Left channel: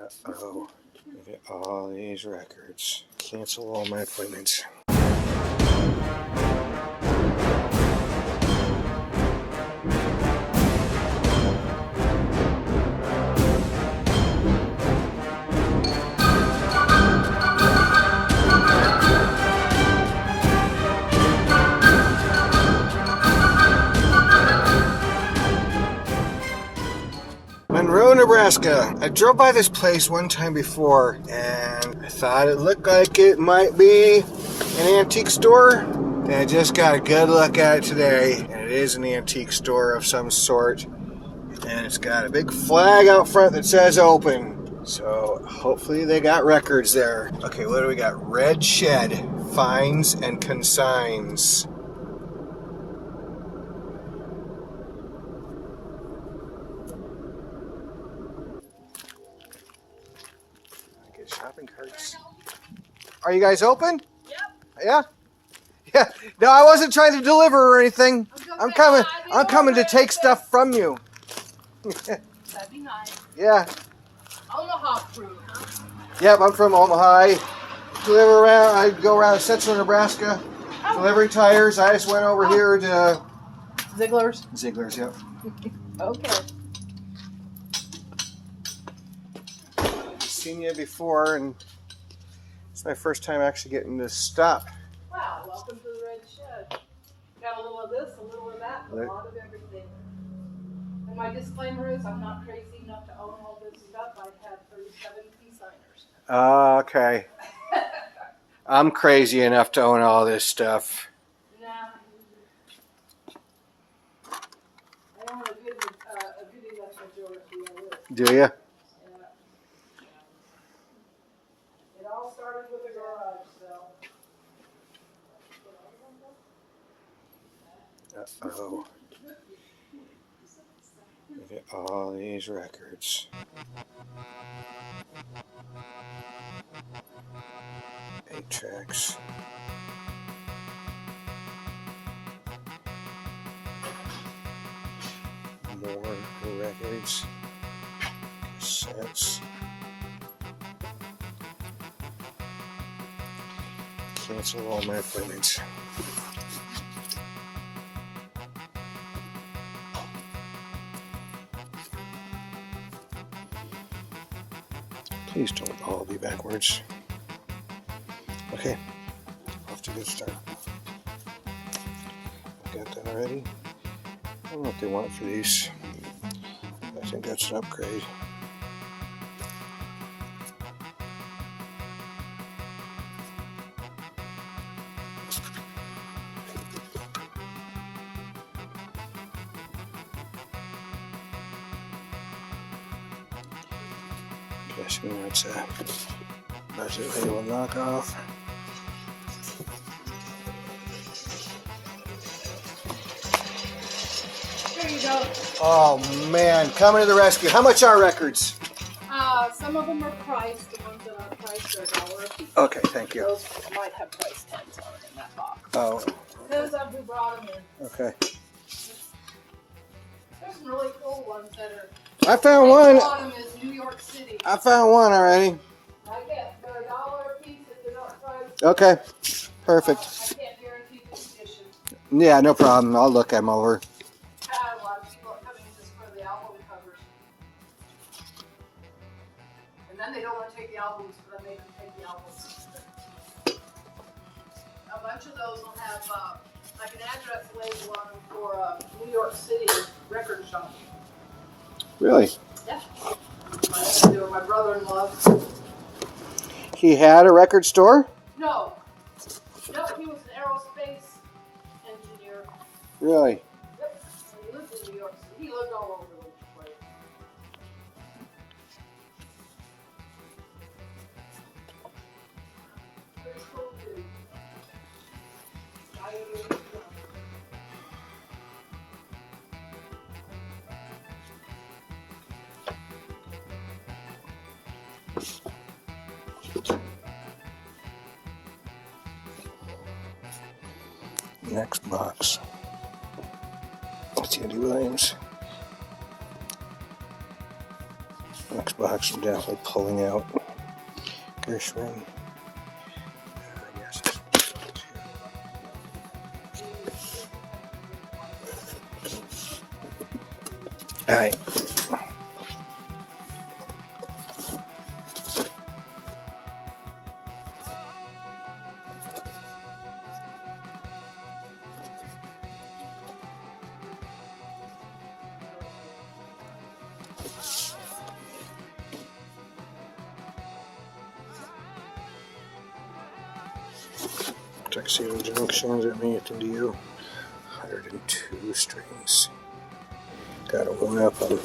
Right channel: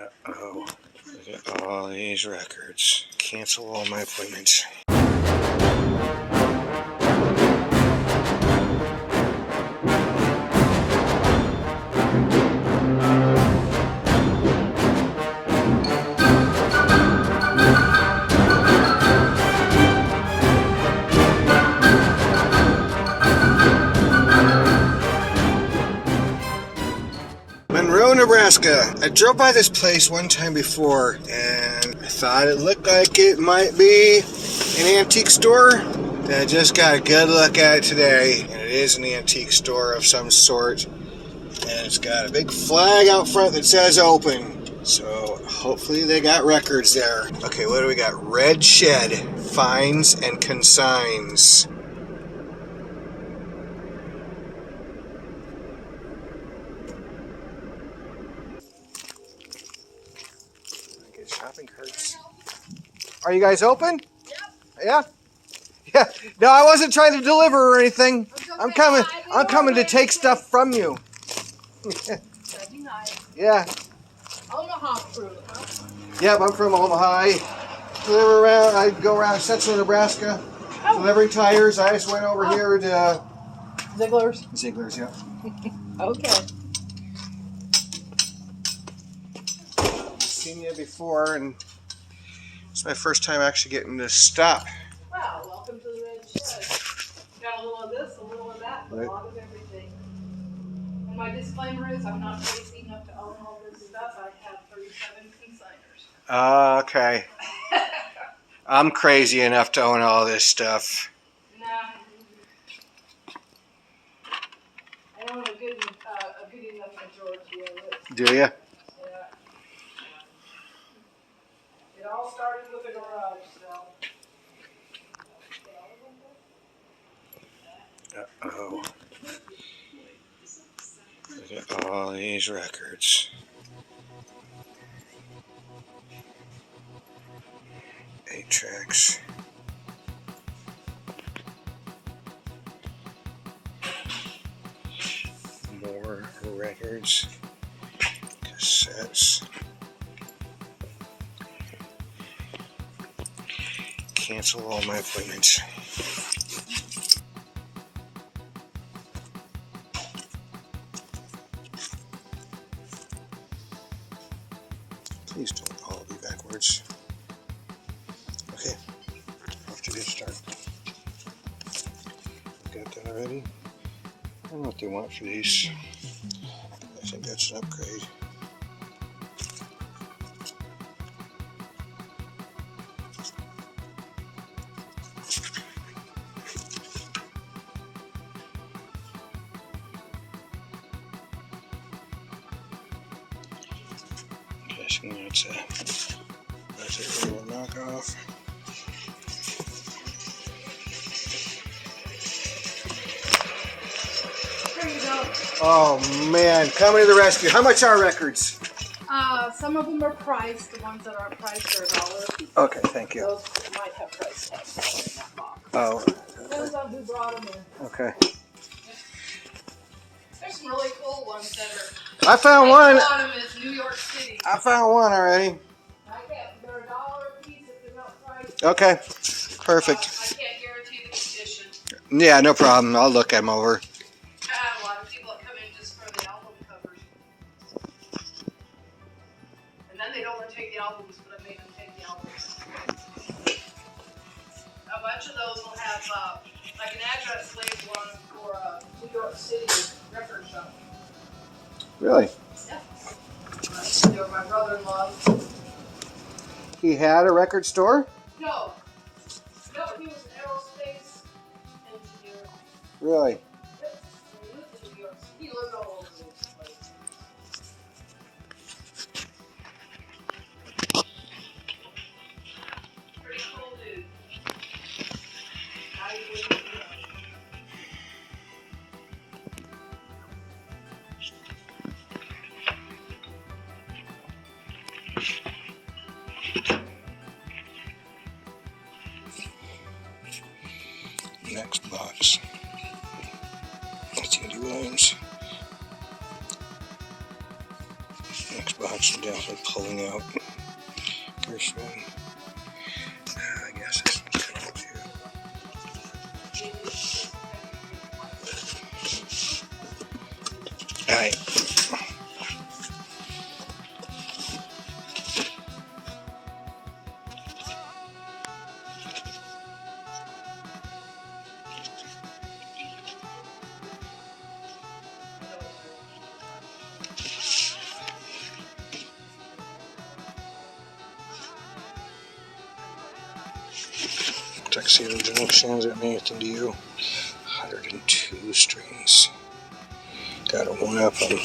Uh-oh. Look at all these records. Cancel all my appointments. Monroe, Nebraska. I drove by this place one time before and I thought it looked like it might be an antique store. And I just got a good look at it today, and it is an antique store of some sort. And it's got a big flag out front that says open. So hopefully they got records there. Okay, what do we got? Red Shed, finds and consigns. Shopping carts. Are you guys open? Yep. Yeah? Yeah. No, I wasn't trying to deliver or anything. I'm coming to take stuff from you. That'd be nice. Yeah. Omaha crew, huh? Yep, I'm from Omaha. I go around central Nebraska delivering tires. I just went over here to Ziegler's, yep. Okay. Seen you before, and it's my first time actually getting to stop. Wow, welcome to the Red Shed. Got a little of this, a little of that, a lot of everything. And my disclaimer is I'm not crazy enough to own all this stuff. I have 37 consigners. Okay. I'm crazy enough to own all this stuff. Nah. I own a good enough majority of it. Do you? Yeah. It all started with a garage sale. Uh-oh. Look at all these records. 8 tracks. More records. Cassettes. Cancel all my appointments. Please don't all be backwards. Okay, off to a good start. Got that already. I don't know what they want for these. I think that's an upgrade. Guessing that's a real knockoff. There you go. Oh man, coming to the rescue. How much are records? Some of them are priced. The ones that aren't priced are $1 a piece. Okay, thank you. Those might have price tags in that box. Oh. Depends on who brought them in. Okay. There's some really cool ones that are. I found one. Bottom is New York City. I found one already. They're $1 a piece if they're not priced. Okay, perfect. I can't guarantee the condition. Yeah, no problem. I'll look them over. A lot of people that come in just for the album covers. And then they don't want to take the albums, but I make them take the albums. A bunch of those will have like an address label on them for a New York City record shop. Really? Yeah. They were my brother-in-law. He had a record store? No. No, he was an aerospace engineer. Really? Yep. He lived in New York City. He lived all over the place. Pretty cool dude. How you doing? Next box. That's Andy Williams. Next box. box are definitely pulling out. Gershwin. I guess this one's too. Alright. Tuxedo Junctions at Nathan to you. 102 strings. Got a one up on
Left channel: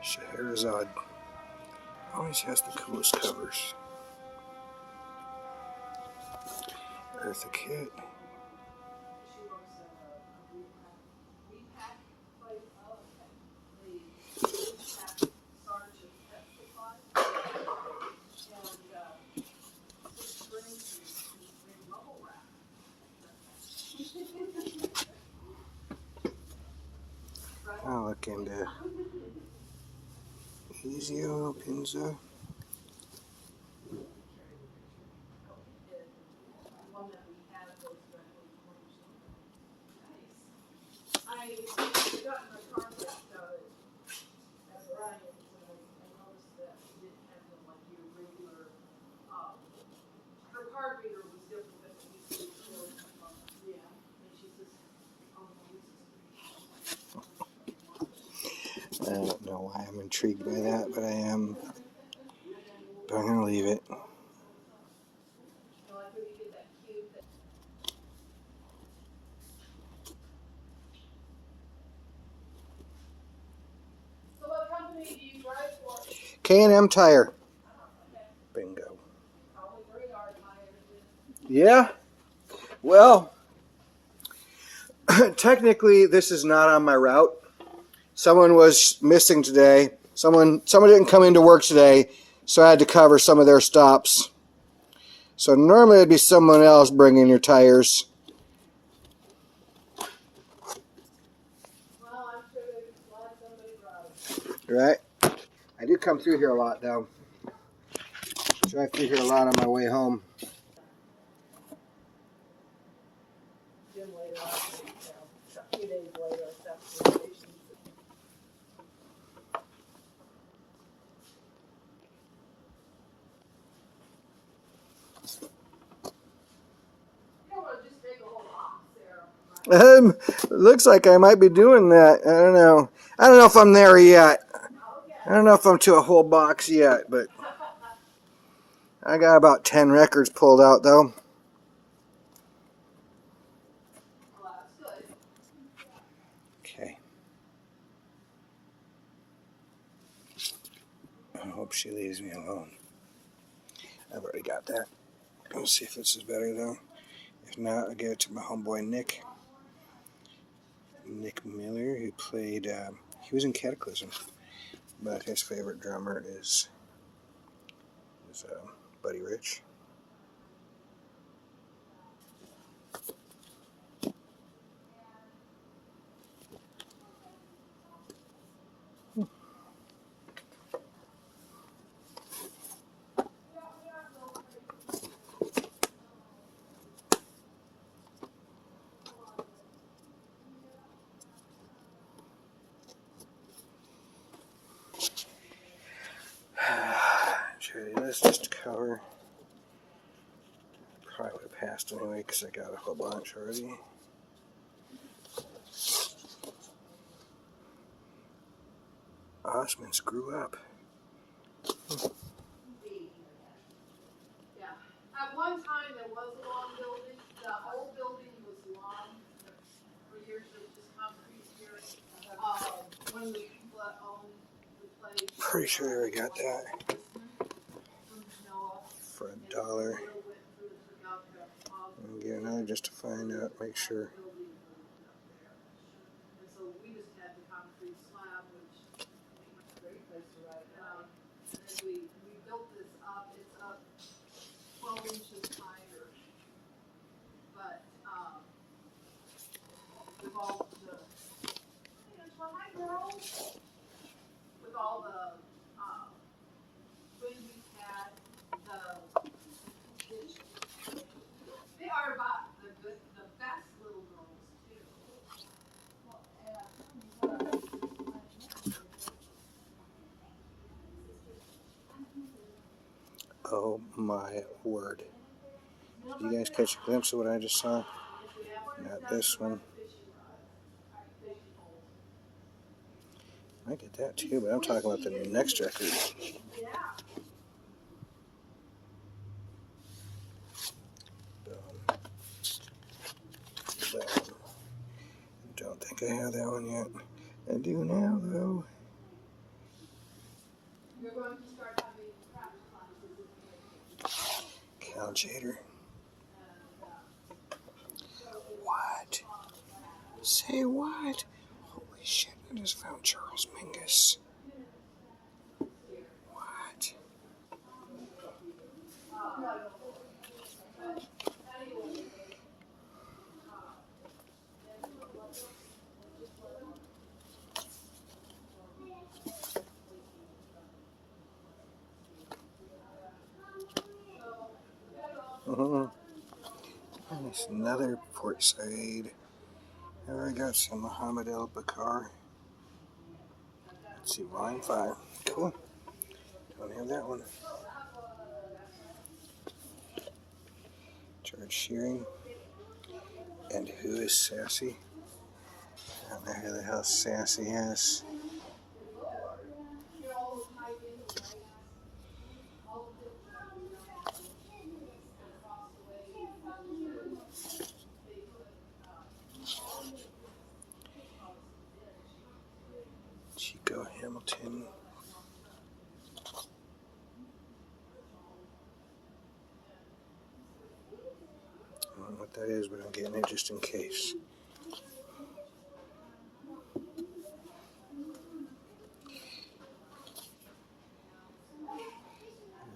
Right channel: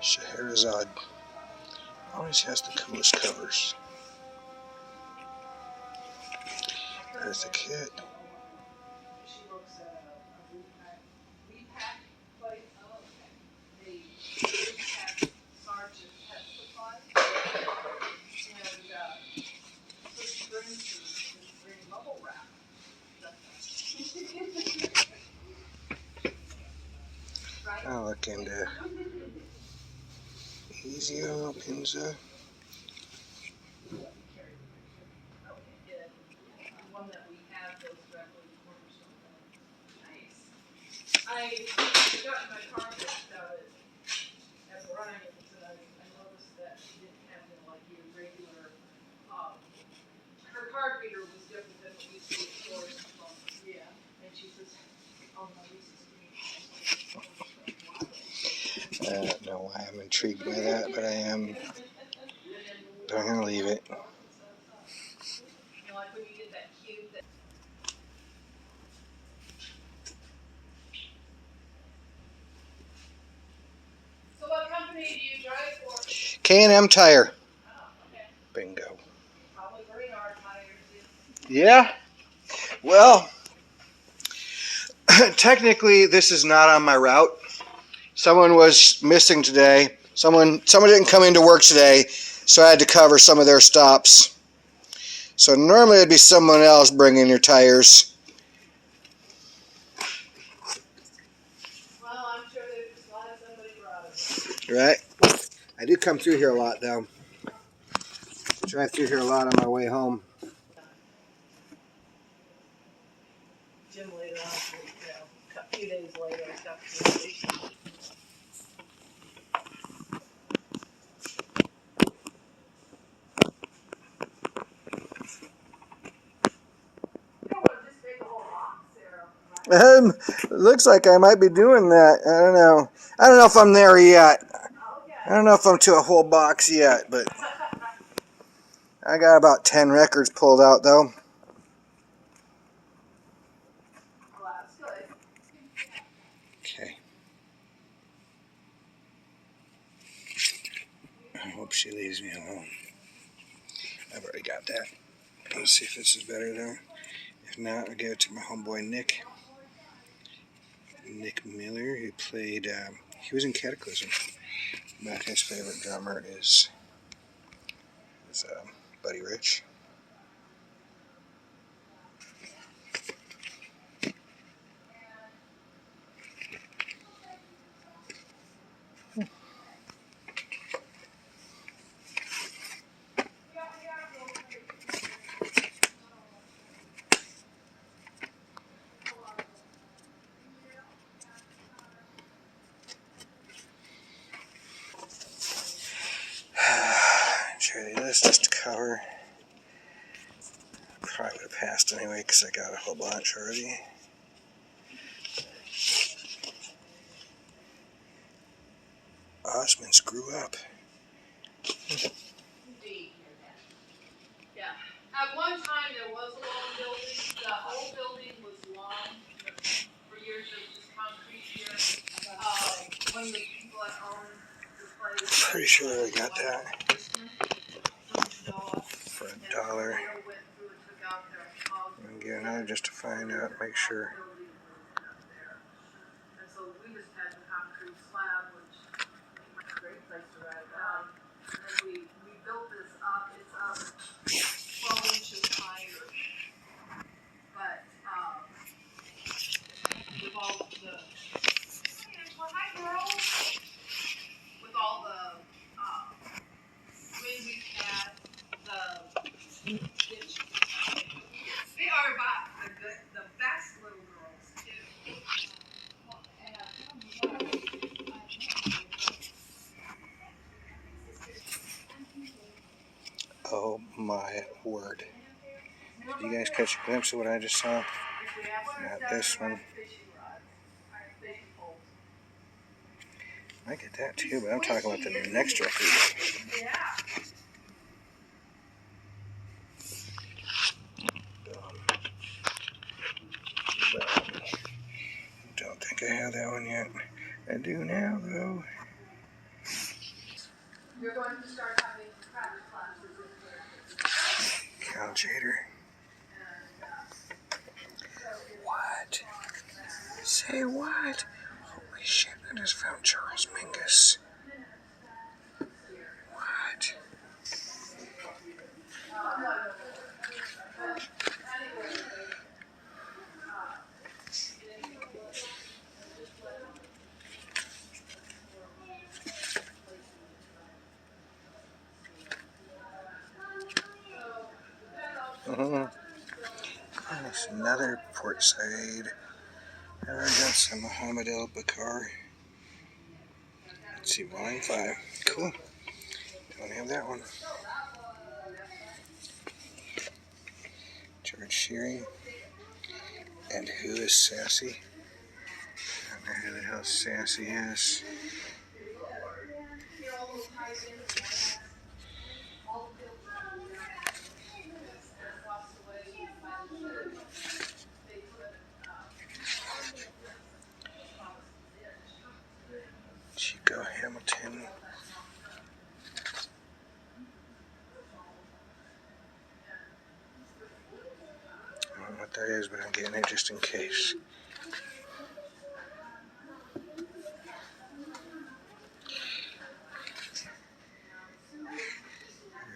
Scheherazade. Always has the coolest covers. Eartha Kitt. I'll look into Ezio, Pinza. I don't know why I'm intrigued by that, but I am. But I'm going to leave it. So what company do you drive for? K&M Tire. Bingo. Probably radar tires. Yeah. Well, technically this is not on my route. Someone was missing today. Someone didn't come into work today, so I had to cover some of their stops. So normally it'd be someone else bringing your tires. Well, I'm sure they're glad somebody brought it. Right? I do come through here a lot though. Drive through here a lot on my way home. Jim later on, a few days later, I stopped to the station. You don't want to just make a whole box there. It looks like I might be doing that. I don't know. I don't know if I'm there yet. I don't know if I'm to a whole box yet, but I got about 10 records pulled out though. Well, that's good. Okay. I hope she leaves me alone. I've already got that. Let's see if this is better though. If not, I'll give it to my homeboy Nick. Nick Miller, who played, he was in Cataclysm, but his favorite drummer is Buddy Rich. Charity list just to cover. Probably would have passed anyway because I got a whole bunch already. Osmonds grew up. Yeah. At one time, there was a long building. The whole building was long. For years, there was just concrete here. One of the people that owned the place. Pretty sure I got that for $1. I'm gonna get another just to find out, make sure. And so we just had the concrete slab, which was a great place to ride down. And we built this up. It's up 12 inches higher. But my word. Did you guys catch a glimpse of what I just saw? Not this one. I get that too, but I'm talking about the next record. Don't think I have that one yet. I do now, though. You're going to start having craft classes. Caljader. What? Say what? Holy shit, I just found Charles Mingus. What? That's another port side. I got some Muhammad El Bakar. Let's see, line 5. Cool. Don't have that one. George Shearing. And who is Sassy? I don't know who the hell Sassy is. Chico Hamilton. I don't know what that is, but I'm getting it just in case.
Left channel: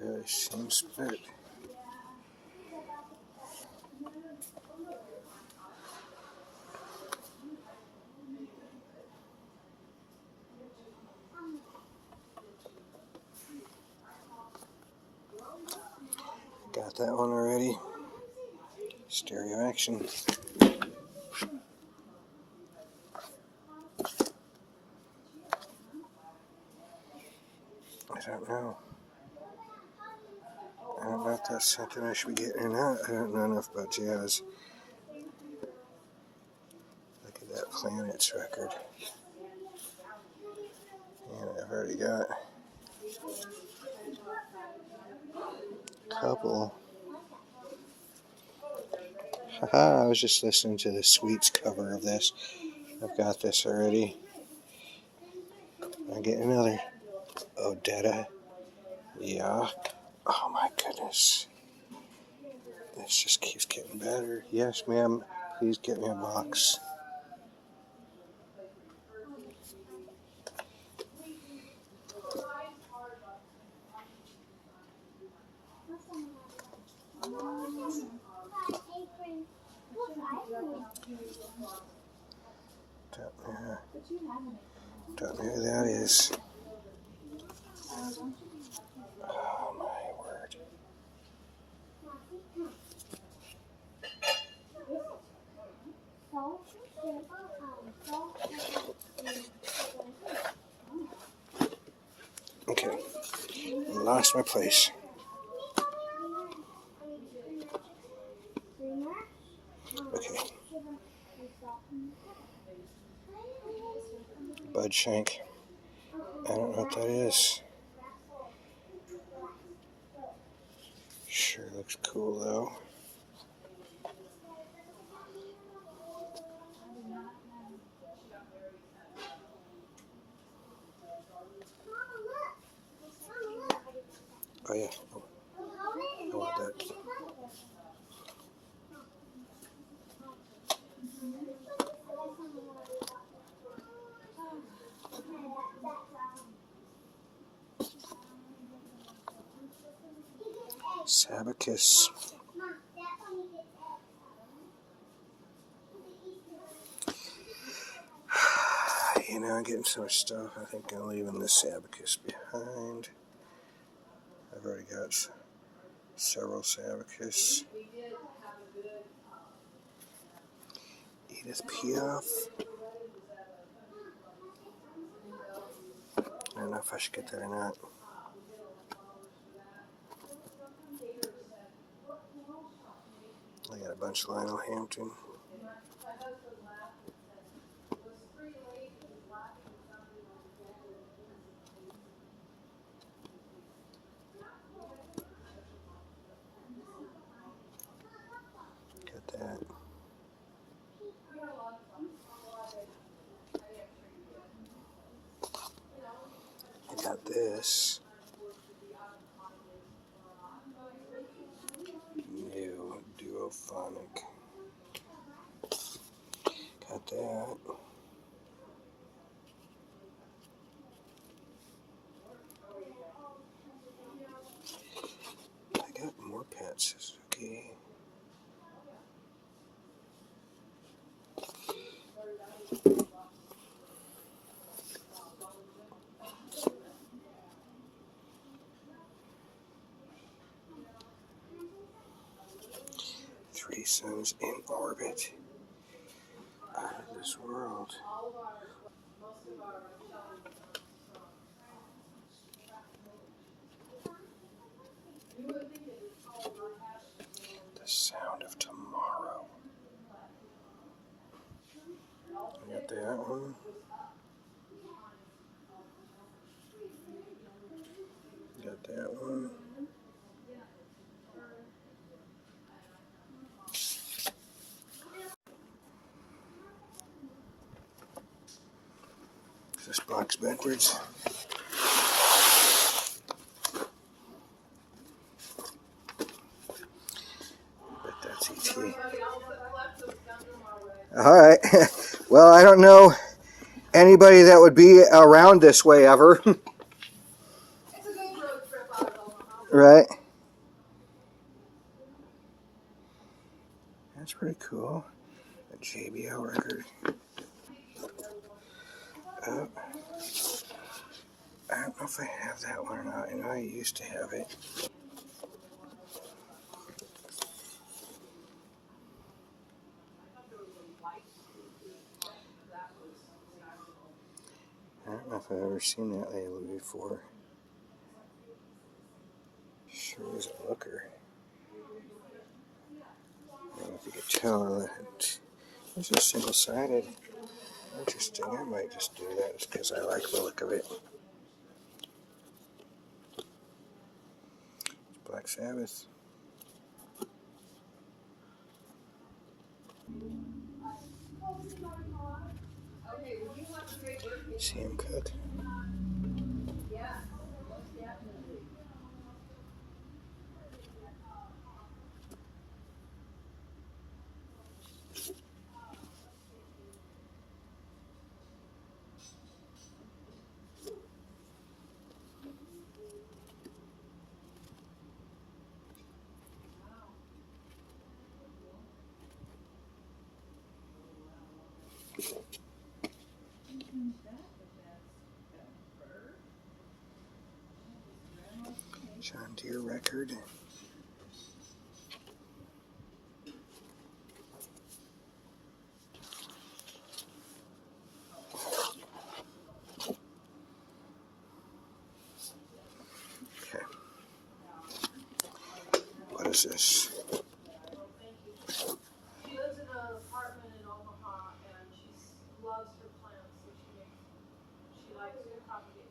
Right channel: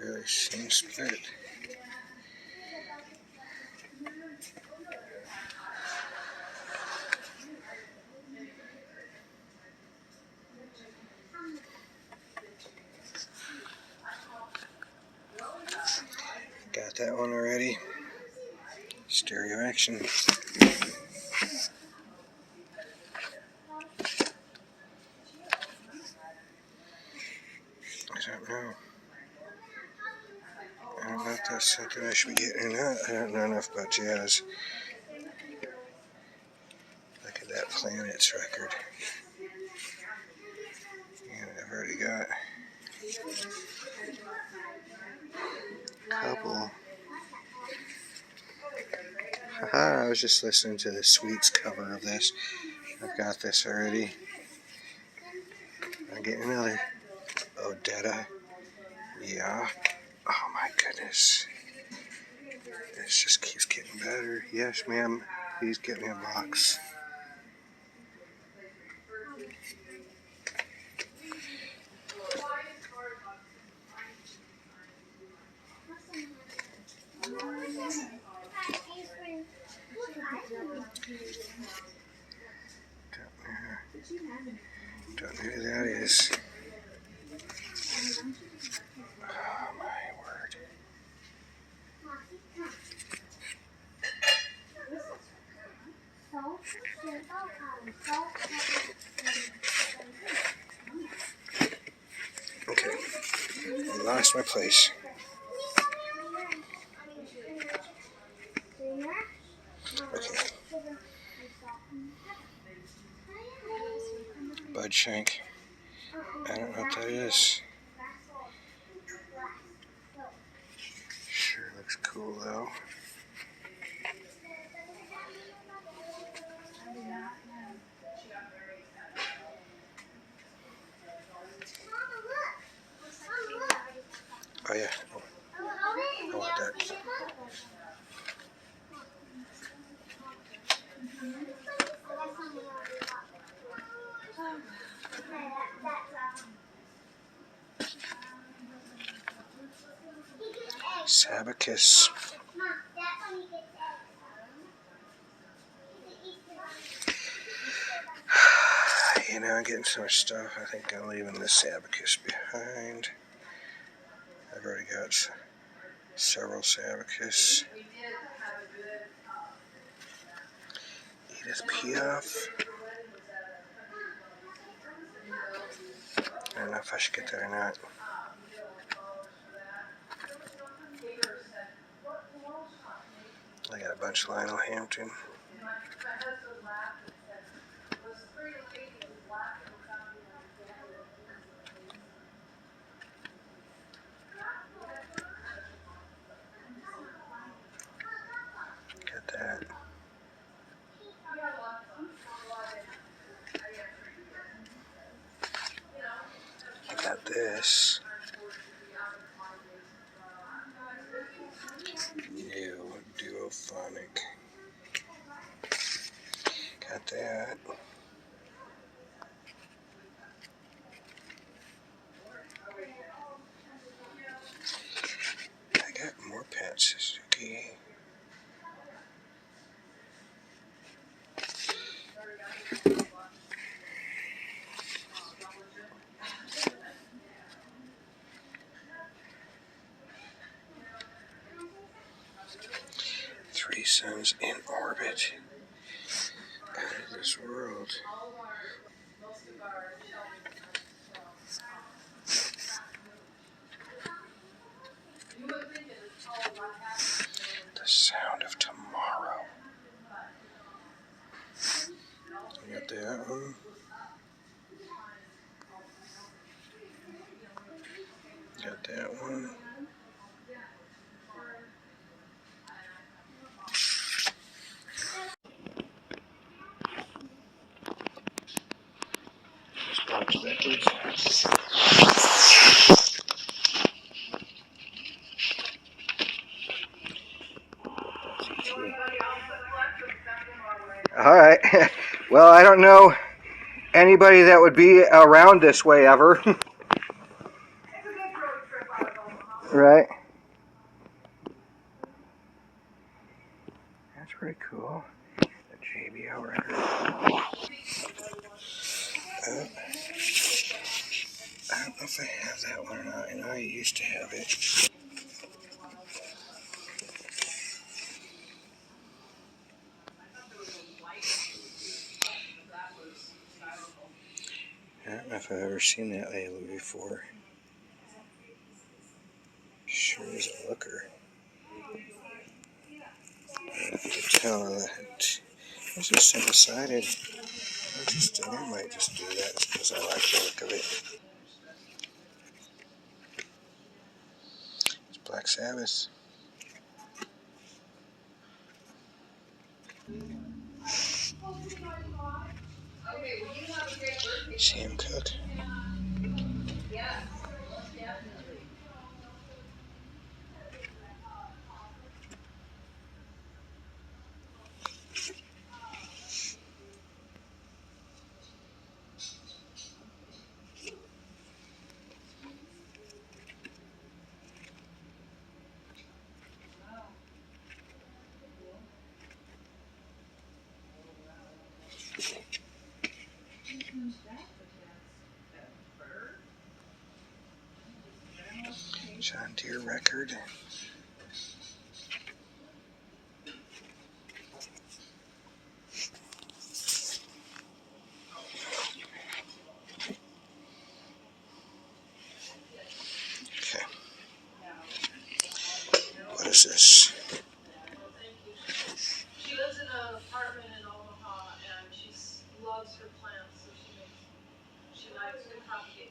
Really seems split. Got that one already. Stereo Action. I don't know. I don't know if that's something I should be getting or not. I don't know enough about jazz. Look at that Planets record. And I've already got a couple. Haha, I was just listening to the Sweets cover of this. I've got this already. I'm getting another. Odetta. Yeah. Oh my goodness. This just keeps getting better. Yes, ma'am. Please get me a box. Don't know who that is. Oh my word. Okay. I lost my place. Okay. Bud Shank. I don't know what that is. Sure looks cool though. Oh yeah. I want that. Sabacus. You know, I'm getting so much stuff. I think I'm leaving this Sabacus behind. I've already got several Sabacus. Edith Piaf. I don't know if I should get that or not. Got a bunch of Lionel Hampton. Got that. I got this. New Duophonic. Got that. I got more Pat Suzuki. Three Suns in Orbit. Out of this world. The Sound of Tomorrow. I got that one. Got that one. Just box backwards. That's ET. Alright. Well, I don't know anybody that would be around this way ever. It's a good road trip out of Omaha. Right. That's pretty cool. A JBL record. Oh. I don't know if I have that one or not. I know I used to have it. I don't know if I've ever seen that label before. Sure is a looker. I don't know if you can tell that it's just single-sided. I might just do that because I like the look of it. It's Black Sabbath. Sam Cooke. John Deere record. Okay. What is this? She lives in an apartment in Omaha and she loves her plants, so she likes to propagate,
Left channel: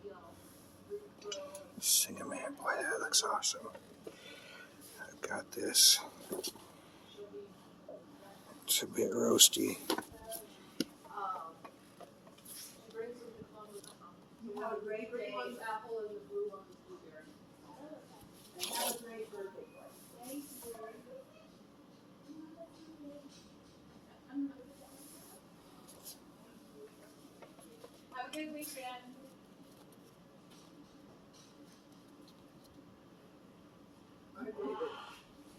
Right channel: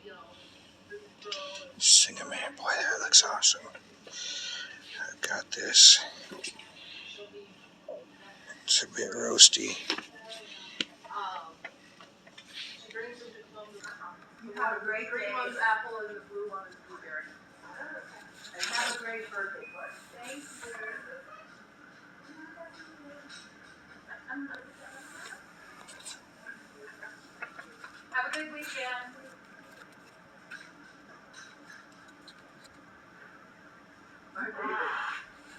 root grow. Singer Man. Boy, that looks awesome. I've got this. It's a bit roasty. She brings them to Columbus. You have a great green one's apple and the blue one is blueberry. And have a great birthday party. Thank you. Have a good weekend.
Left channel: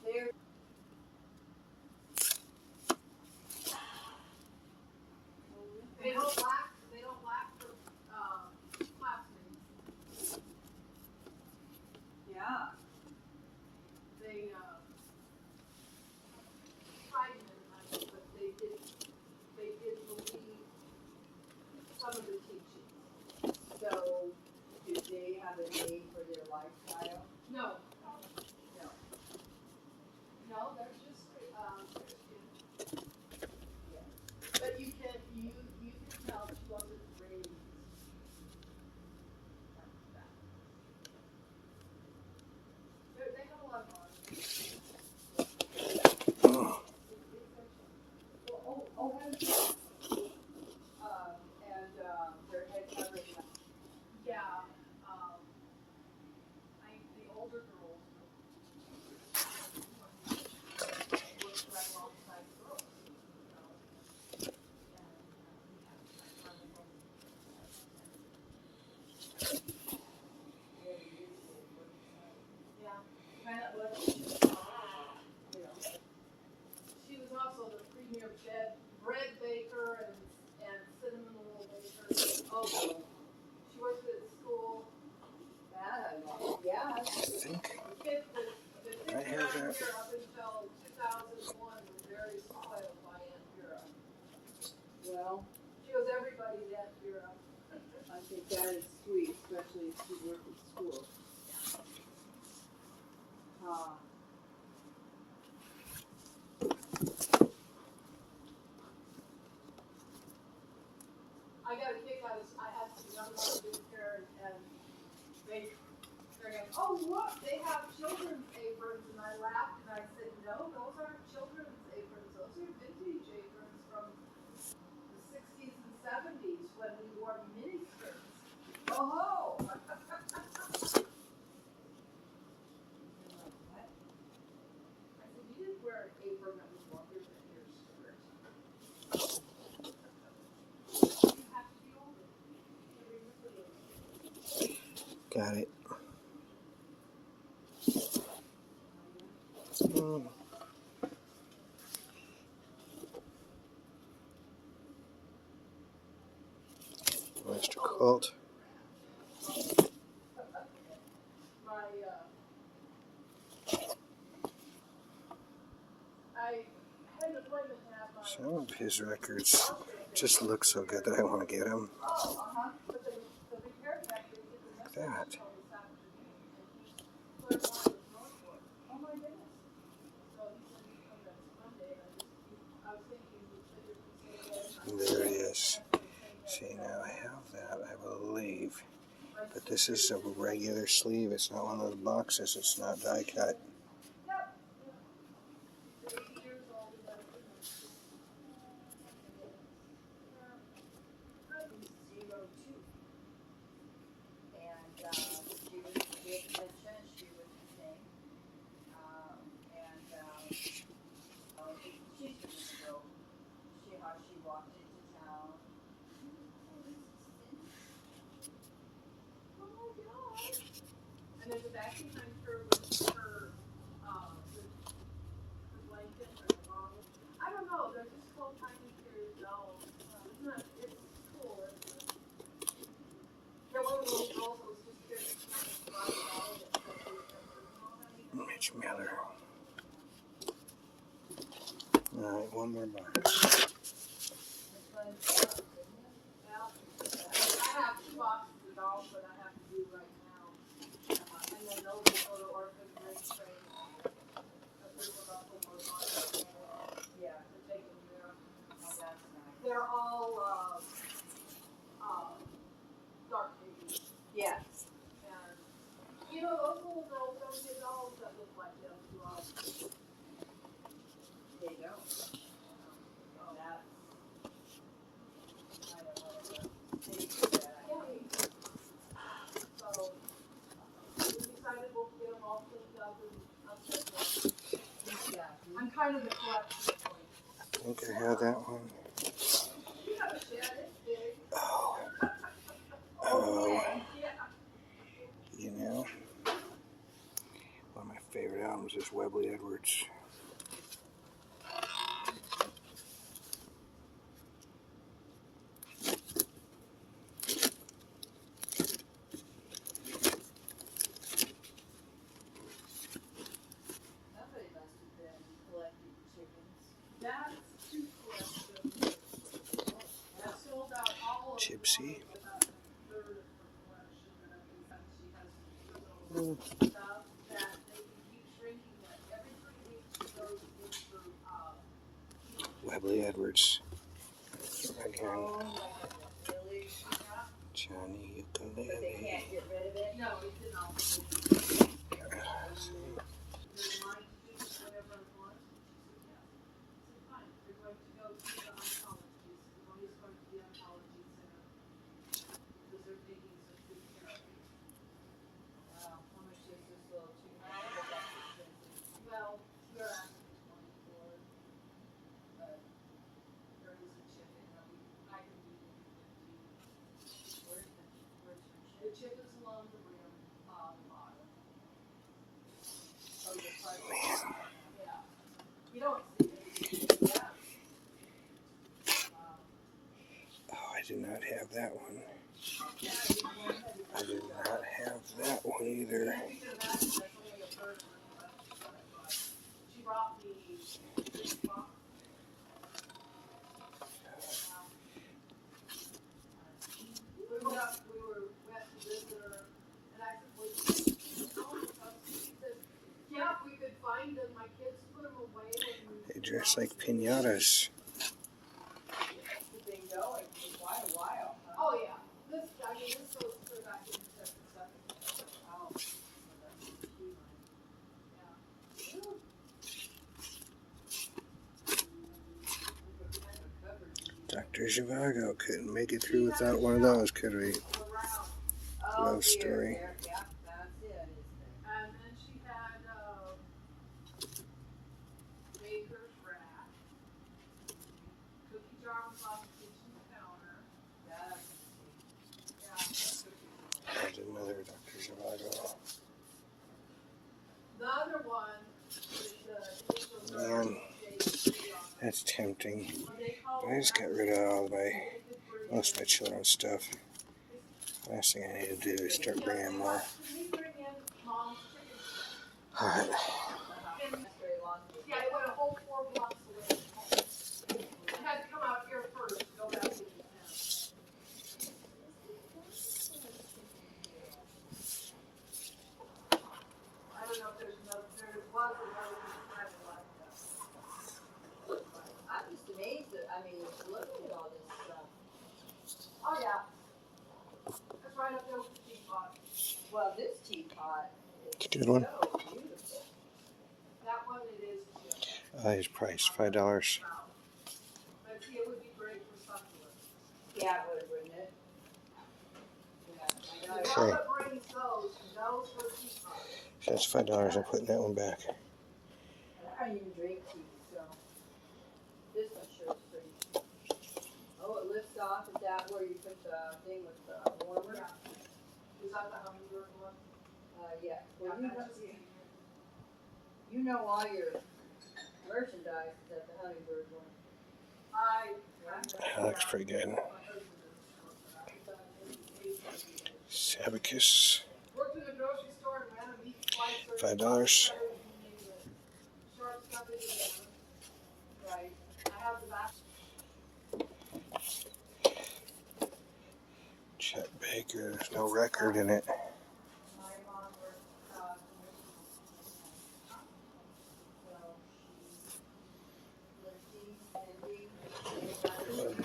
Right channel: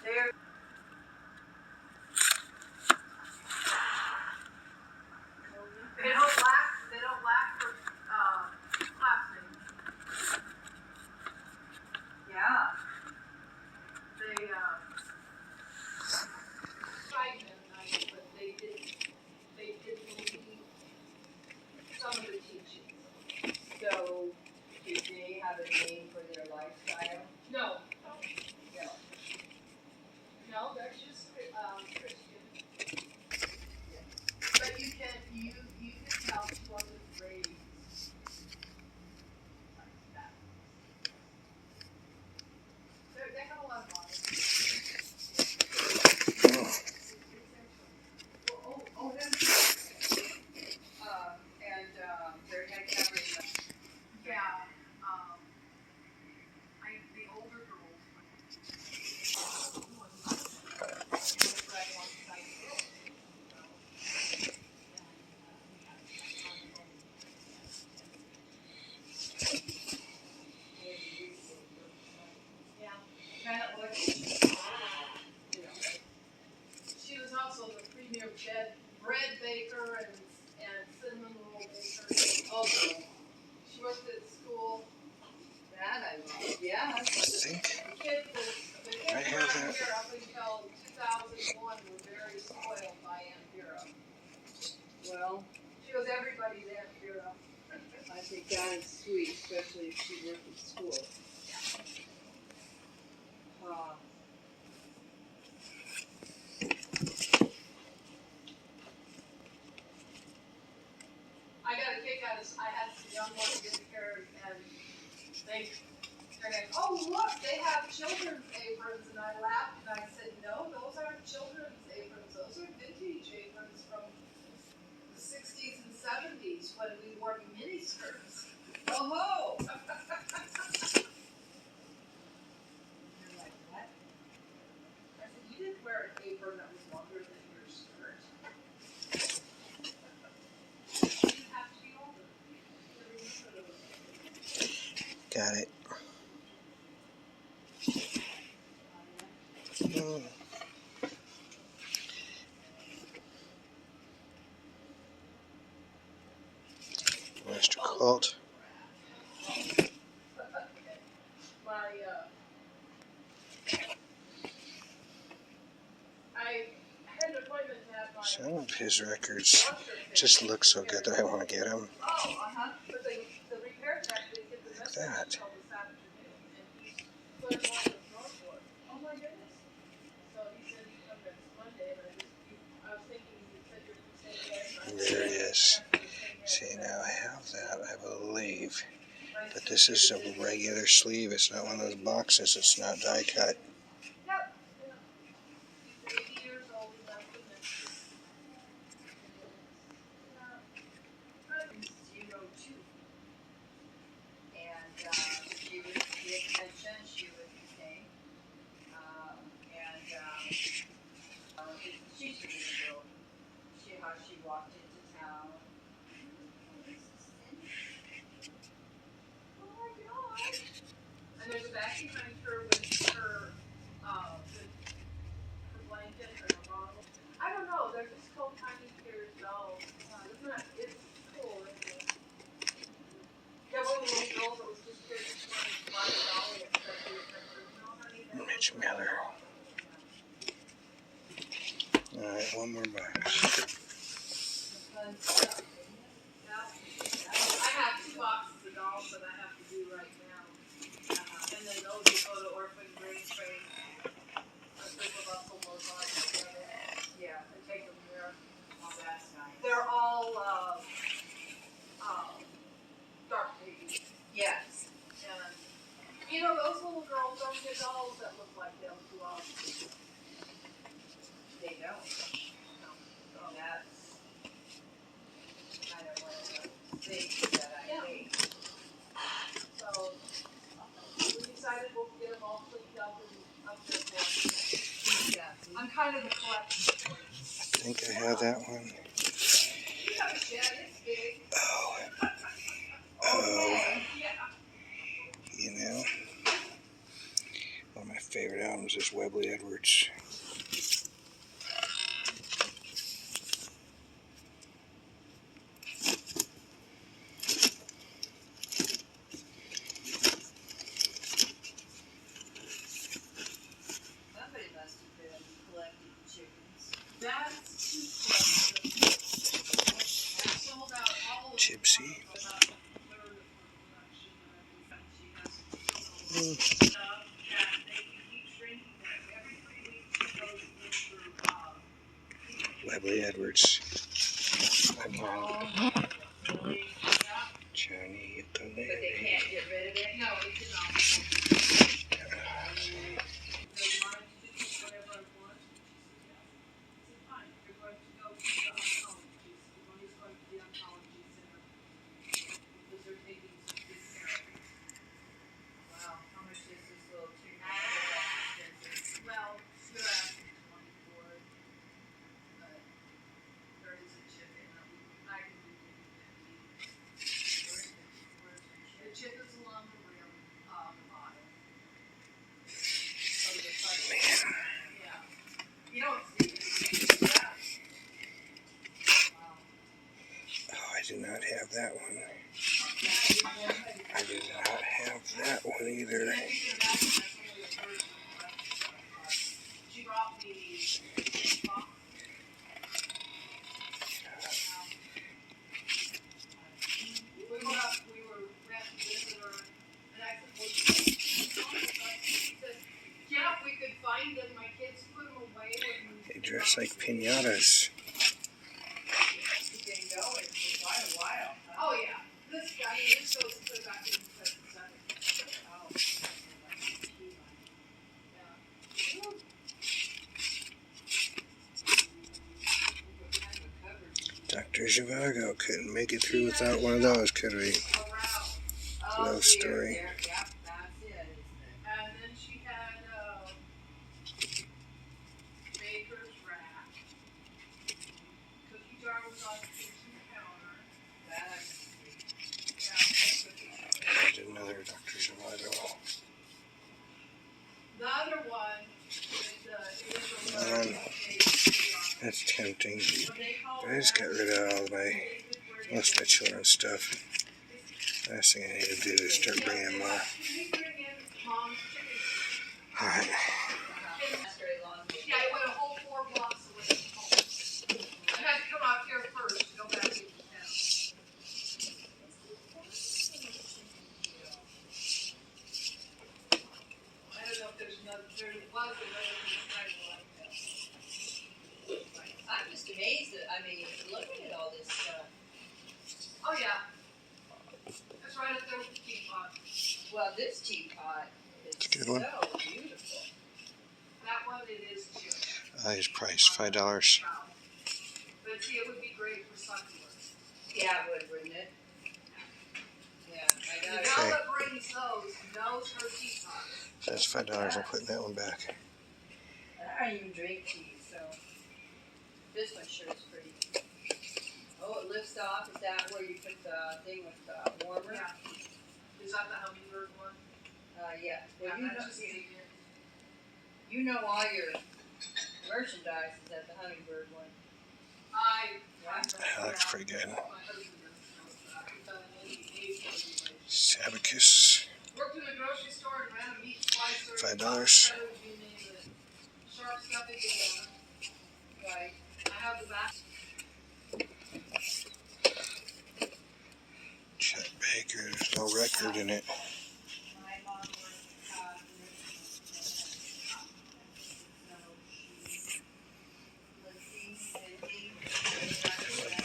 There. They don't lack for classmates. Yeah. Oh, good. She worked at school. That I love. Yeah. I think The kids I have around that. here up until 2001 were very spoiled by Aunt Vera. Well, she was everybody's Aunt Vera. I think that is sweet, especially if she worked at school. I got a kick out of. I had some young ones in here, and they're like, "Oh look, they have children's aprons," and I laughed and I said, "No, those aren't children's aprons. Those are vintage aprons from the 60s and 70s when we wore mini skirts." Oh ho! You're like, what? I said, "You didn't wear an apron that was longer than your skirt. You have to be older to remember those." Got it. Mm. Master Cult. I had an appointment to have my. Some of his records just look so good that I want to get them. But the repair tech didn't get the message That. until this afternoon, and he's put one of the Northwood. Oh my goodness! So he said he'd come next Monday, and I was thinking he said you're the same day. There it is. See, now I have that, I believe. But this is a regular sleeve. It's not one of those boxes. It's not die cut. Yep. He's 80 years old. He does the next. 02. And she was the extension. She was the same. She's the girl. How she walked into town. Oh my gosh! And there's a vacuum cleaner with her blanket or a bottle. I don't know. They're just called tiny ears dolls. Isn't that? It's cool, isn't it? Yeah, one of the little girls that was just here this morning to buy a dolly at no, honey. Mitch Miller. Alright, one more box. I have 2 boxes of dolls that I have to do right now. And then those will go to Orphan Green Train. Yeah, I take them there. Oh, that's nice. They're all dark babies. Yes. And those little girls don't get dolls that look like them too often. They don't. No. Oh, that's kind of one of the things that I hate. So we decided we'll get them all cleaned up and upset one. Yeah. I'm kind of the collection. I think I have that one. You have a shed, it's big. Oh. Yeah. You know, one of my favorite albums is Webley Edwards. Somebody must have been collecting chickens. That's too I sold out all of Gypsy. them. About a third of her collection. She has Mm. stuff that they can keep shrinking that. Every 3 weeks she goes in for Webley Edwards. Again. really? Johnny But they Ukulele. can't get rid of it? No, it did not. The chip is along the rim. do not have that one. I do not have that one either. They dress like piñatas. Oh yeah, this goes clear back into Dr. Zhivago couldn't make it through without one of those, could we? Love story. And then she had baker's rack. Cookie jar was on the kitchen counter. I did another Dr. Zhivago. The other one is That's tempting. But I just got rid of most of my children's stuff. Last thing I need to do is start bringing more. Alright. Yeah, it went a whole 4 blocks away from home. I had to come out here first to go back into town. I don't know if there was another design like that. I'm just amazed that, looking at all this stuff. Oh yeah. That's right up there with the teapot. Well, this teapot is It's a good one. so beautiful. That one it is too. His price, $5. But see, it would be great for succulents. Yeah, it would, wouldn't it? Yeah, I The know. gal Okay. that brings those knows her teapot. So that's $5. I'm putting that one back. I don't even drink tea, so this one sure is pretty. Oh, it lifts off. Is that where you put the thing with the warmer? Yeah. Is that the hummingbird one? Yeah. Well, Yeah, that's just easy. you know all your merchandise is at the hummingbird one. That looks pretty good. My husband is. Sabacus, Worked in a grocery store and ran a meat slicer. $5. Sharp stuffing together. Right. I have the back. Chet Baker, there's no record in it. My mom worked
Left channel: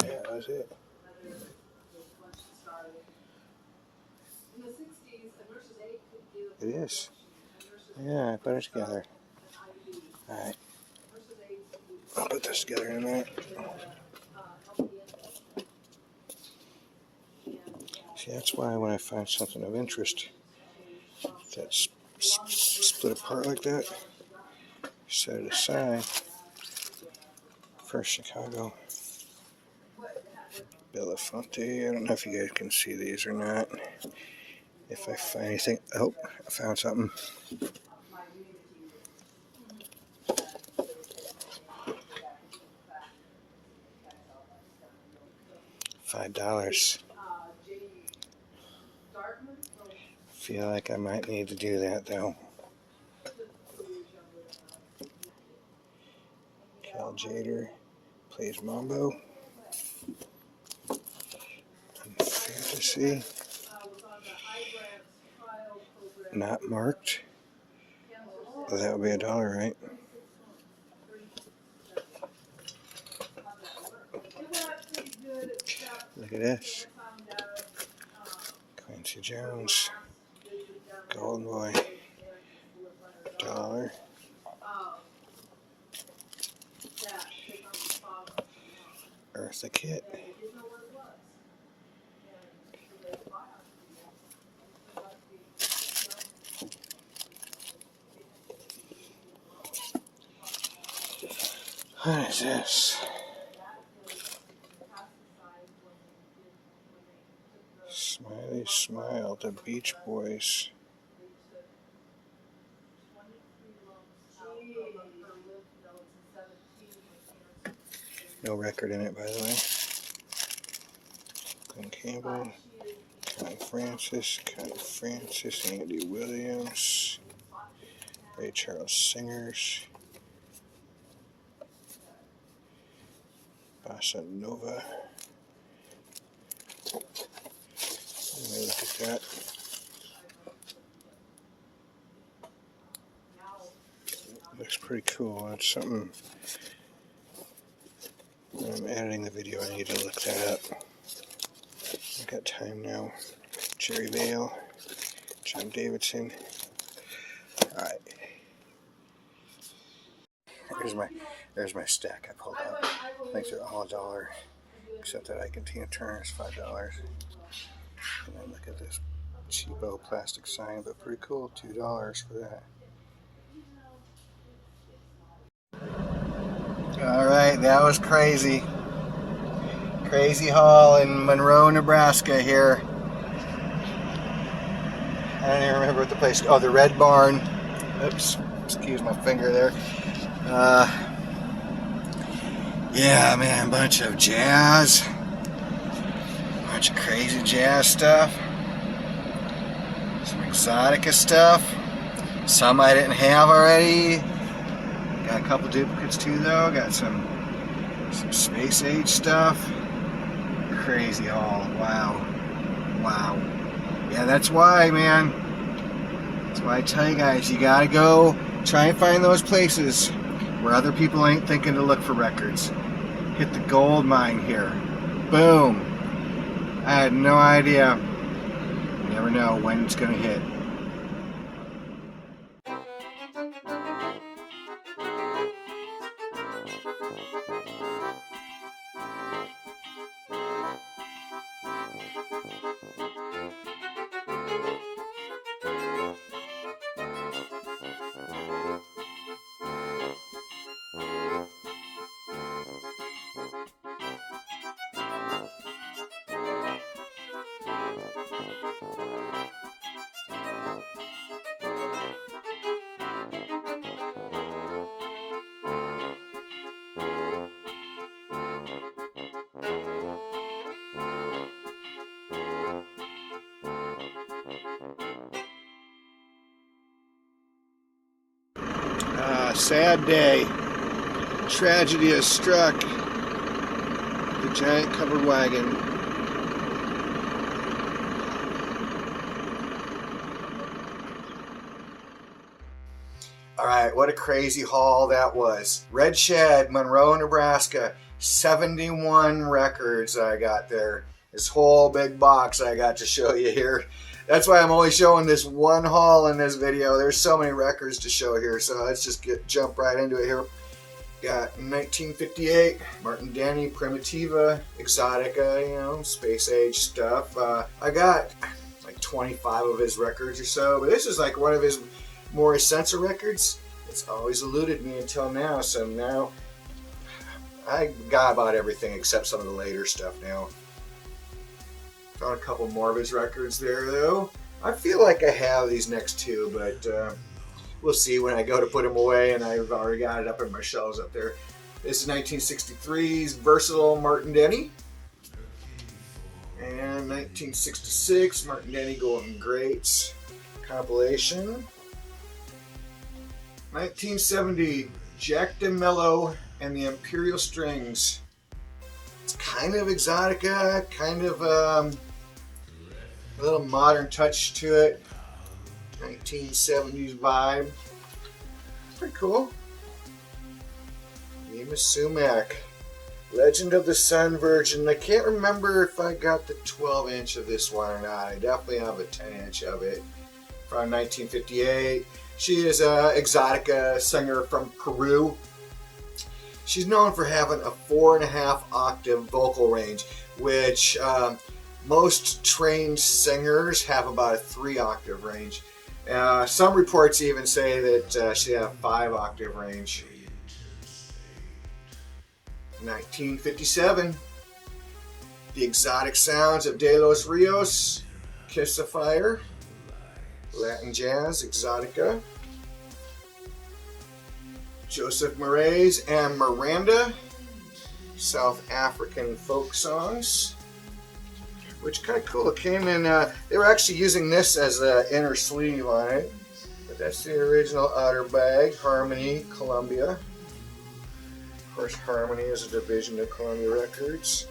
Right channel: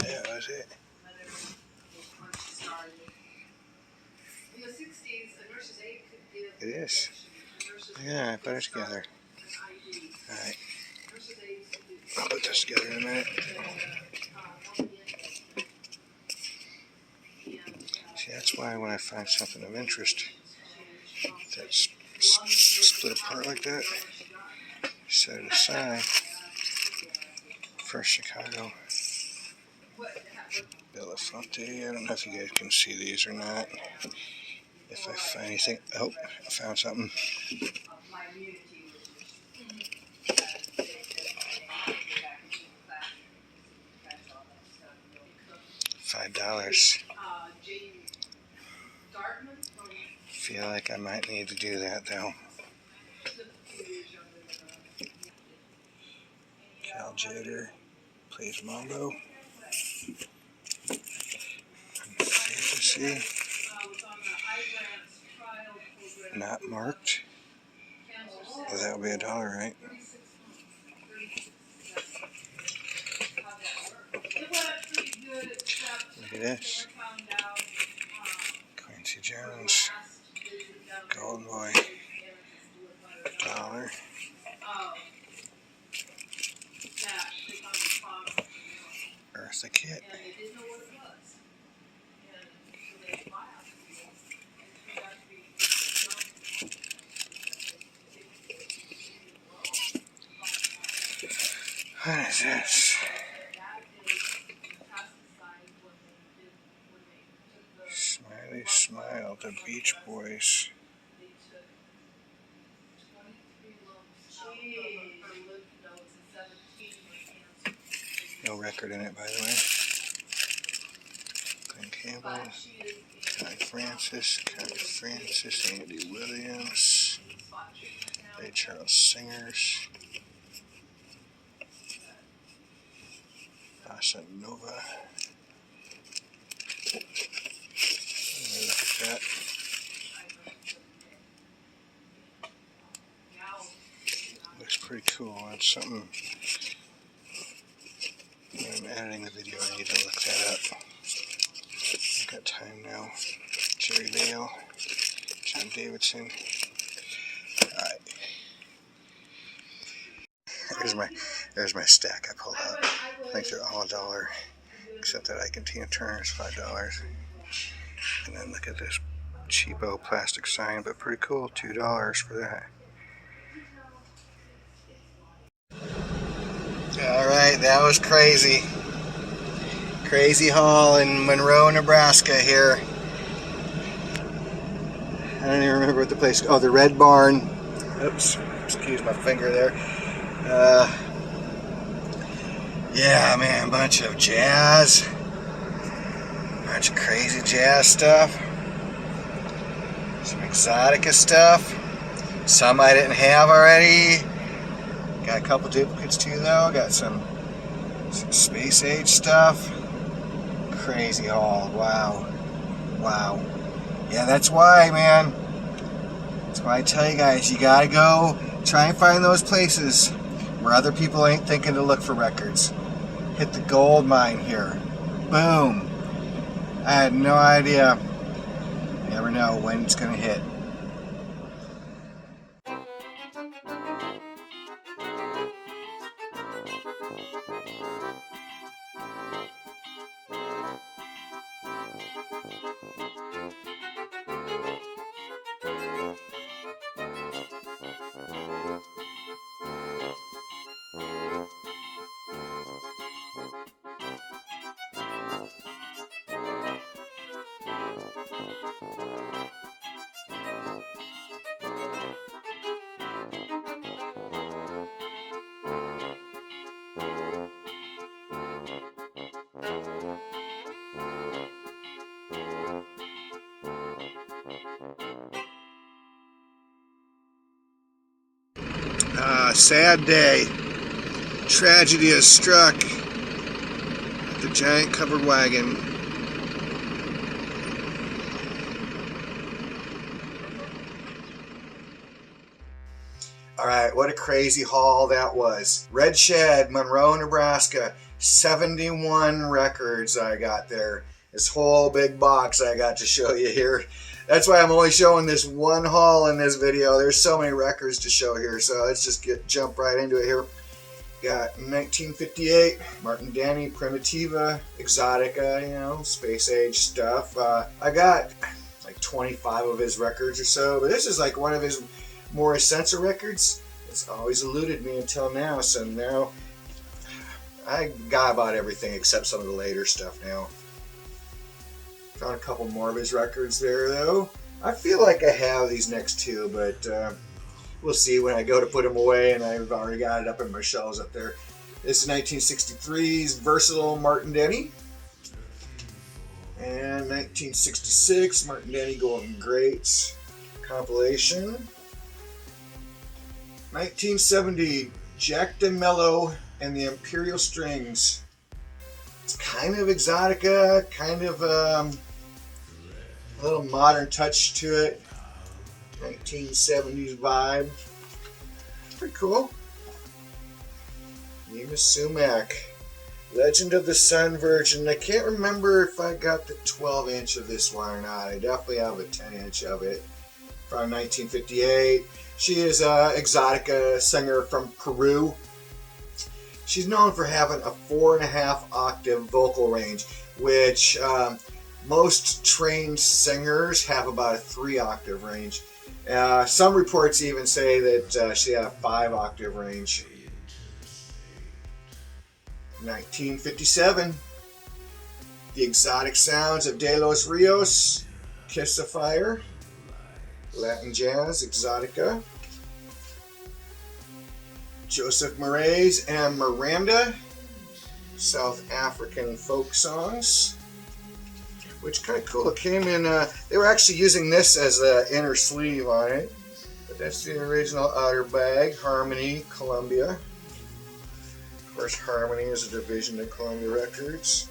That was it. In the 60s, a nurse's aide could give. It is. Yeah, I put it together. Alright, I'll put this together in a minute. See, that's why when I find something of interest that's split apart like that, set it aside for Chicago. Belafonte, I don't know if you guys can see these or not. If I find anything, oh, I found something. $5. Feel like I might need to do that though. Cal Jader plays Mambo. Fantasy. Not marked. Well, that would be $1, right? Look at this. Quincy Jones. Golden Boy. $1. Eartha Kitt. What is this? Smiley Smile, the Beach Boys. No record in it, by the way. Glenn Campbell, Connie Francis, Andy Williams, Ray Charles Singers, Bossa Nova. Look at that. Looks pretty cool. That's something. When I'm editing the video, I need to look that up. I've got time now. Jerry Vale, John Davidson. Alright. There's my stack I pulled out. I think they're all $1, except that Ike and Tina Turner is $5. And then look at this cheapo plastic sign, but pretty cool, $2 for that. Alright, that was crazy. Crazy haul in Monroe, Nebraska here. I don't even remember what the place is. Oh, the Red Barn. Oops, excuse my finger there. Yeah, man, bunch of jazz. Bunch of crazy jazz stuff. Some exotica stuff. Some I didn't have already. Got a couple duplicates too though. Got some space age stuff. Crazy haul. Wow. Wow. Yeah, that's why, man. That's why I tell you guys, you gotta go try and find those places where other people ain't thinking to look for records. Hit the gold mine here. Boom. I had no idea. You never know when it's gonna hit. Sad day. Tragedy has struck the giant covered wagon. Alright, what a crazy haul that was. Red Shed, Monroe, Nebraska. 71 records I got there. This whole big box I got to show you here. That's why I'm only showing this one haul in this video. There's so many records to show here, so let's just jump right into it here. Got 1958, Martin Denny, Primitiva, Exotica, you know, space age stuff. I got like 25 of his records or so, but this is like one of his more essential records. It's always eluded me until now, so now I got about everything except some of the later stuff now. Found a couple more of his records there though. I feel like I have these next two, but we'll see when I go to put them away, and I've already got it up in my shelves up there. This is 1963's Versatile Martin Denny. And 1966 Martin Denny Golden Greats compilation. 1970 Jack DeMello and the Imperial Strings. It's kind of exotica, kind of a little modern touch to it. 1970s vibe. Pretty cool. Nina Sumac. Legend of the Sun Virgin. I can't remember if I got the 12-inch of this one or not. I definitely have a 10-inch of it. From 1958. She is an exotica singer from Peru. She's known for having a 4.5 octave vocal range, which most trained singers have about a 3 octave range. Some reports even say that she had a 5 octave range. 1957, The Exotic Sounds of De Los Rios, Kiss of Fire, Latin Jazz, Exotica. Joseph Maraes and Miranda, South African folk songs. which kind of cool. It came in, they were actually using this as the inner sleeve on it. But that's the original outer bag, Harmony, Columbia. Of course, Harmony is a division of Columbia Records.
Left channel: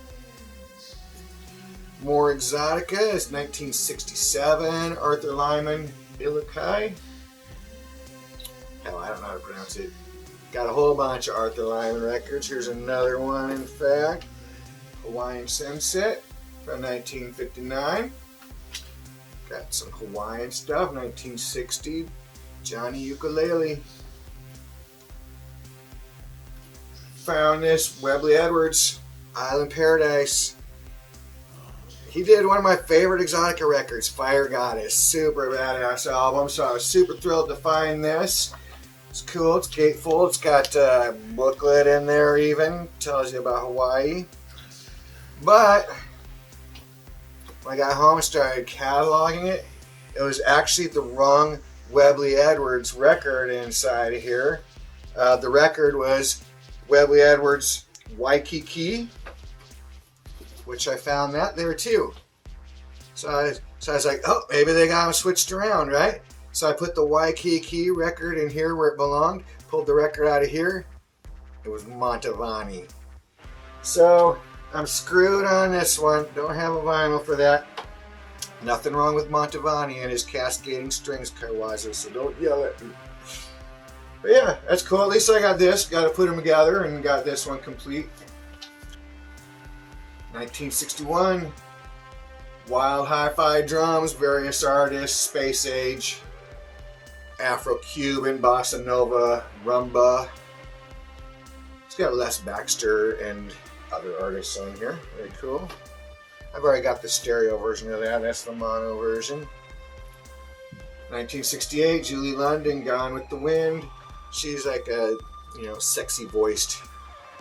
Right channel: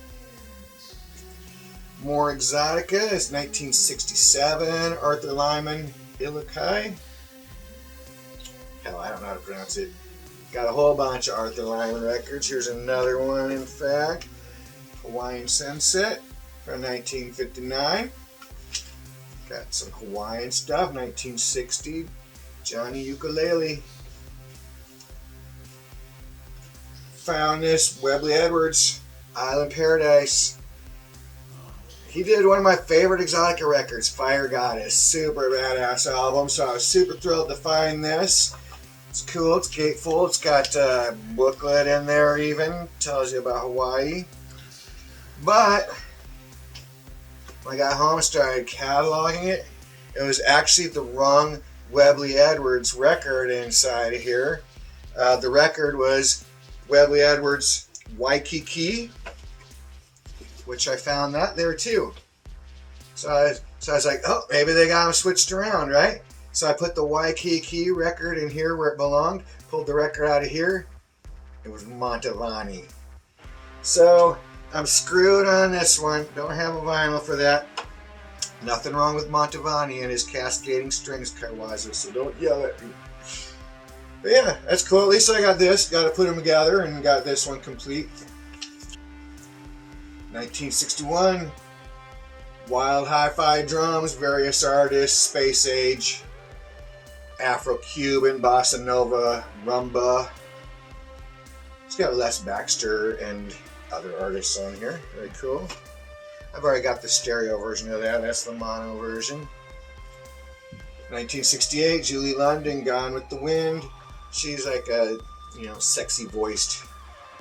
More Exotica is 1967, Arthur Lyman, Ilukai. Hell, I don't know how to pronounce it. Got a whole bunch of Arthur Lyman records. Here's another one, in fact. Hawaiian Sunset from 1959. Got some Hawaiian stuff, 1960. Johnny Ukulele. Found this, Webley Edwards, Island Paradise. He did one of my favorite Exotica records, Fire Goddess. Super badass album, so I was super thrilled to find this. It's cool, it's gatefold, it's got a booklet in there even, tells you about Hawaii. But when I got home and started cataloging it, it was actually the wrong Webley Edwards record inside of here. The record was Webley Edwards Waikiki, which I found that there too. So I was like, oh, maybe they got them switched around, right? So I put the Waikiki record in here where it belonged, pulled the record out of here. It was Montavani. So I'm screwed on this one. Don't have a vinyl for that. Nothing wrong with Montavani and his cascading strings, Kaiwaza, so don't yell at me. But yeah, that's cool. At least I got this. Got to put them together and got this one complete. 1961. Wild Hi-Fi drums, various artists, Space Age, Afro-Cuban, Bossa Nova, Rumba. It's got Les Baxter and other artists on here. Very cool. I've already got the stereo version of that. That's the mono version. 1968, Julie London, Gone with the Wind. She's like a, sexy voiced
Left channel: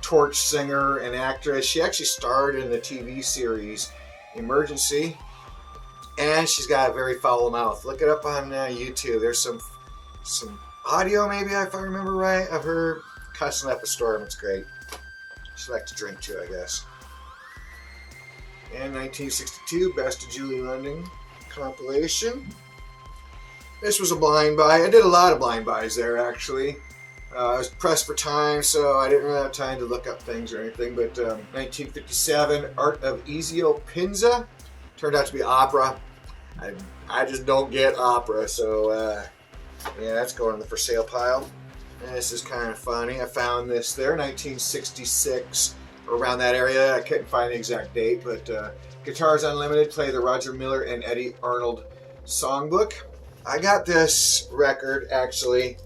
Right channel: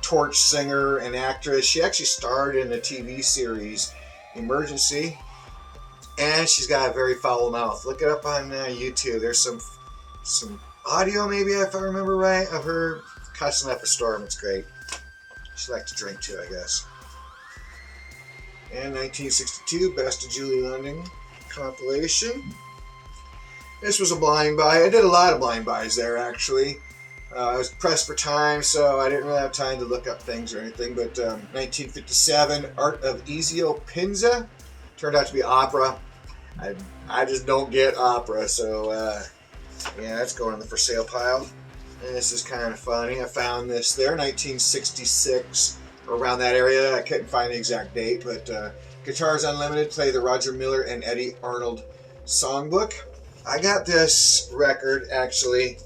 torch singer and actress. She actually starred in the TV series Emergency, and she's got a very foul mouth. Look it up on YouTube. There's some audio, maybe if I remember right, of her cussing up a storm. It's great. She liked to drink too, I guess. And 1962, Best of Julie London compilation. This was a blind buy. I did a lot of blind buys there, actually. I was pressed for time, so I didn't really have time to look up things or anything. But 1957, Art of Ezio Pinza. Turned out to be opera. I just don't get opera, so yeah, that's going in the for sale pile. And this is kind of funny. I found this there, 1966, around that area. I couldn't find the exact date, but Guitars Unlimited, play the Roger Miller and Eddie Arnold songbook. I got this record, actually,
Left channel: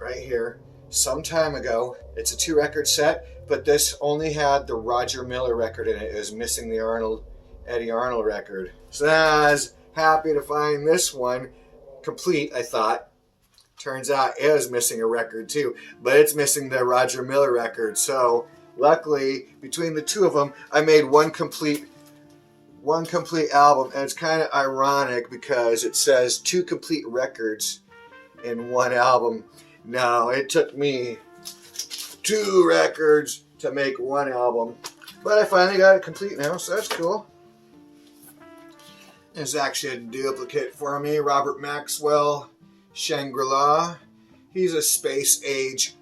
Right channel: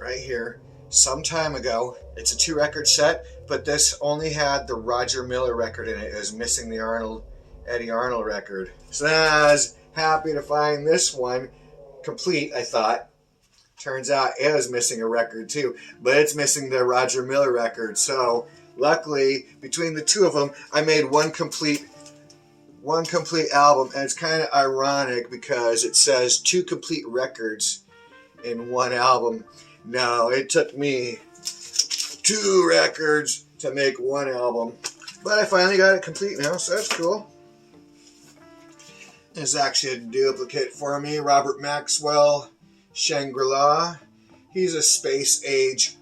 right here, some time ago. It's a 2-record set, but this only had the Roger Miller record in it. It was missing the Eddie Arnold record. So I was happy to find this one complete, I thought. Turns out it was missing a record too, but it's missing the Roger Miller record. So luckily, between the two of them, I made one complete album. And it's kind of ironic because it says 2 complete records in one album. No, it took me 2 records to make one album, but I finally got it complete now, so that's cool. There's actually a duplicate for me, Robert Maxwell, Shangri-La. He's a space age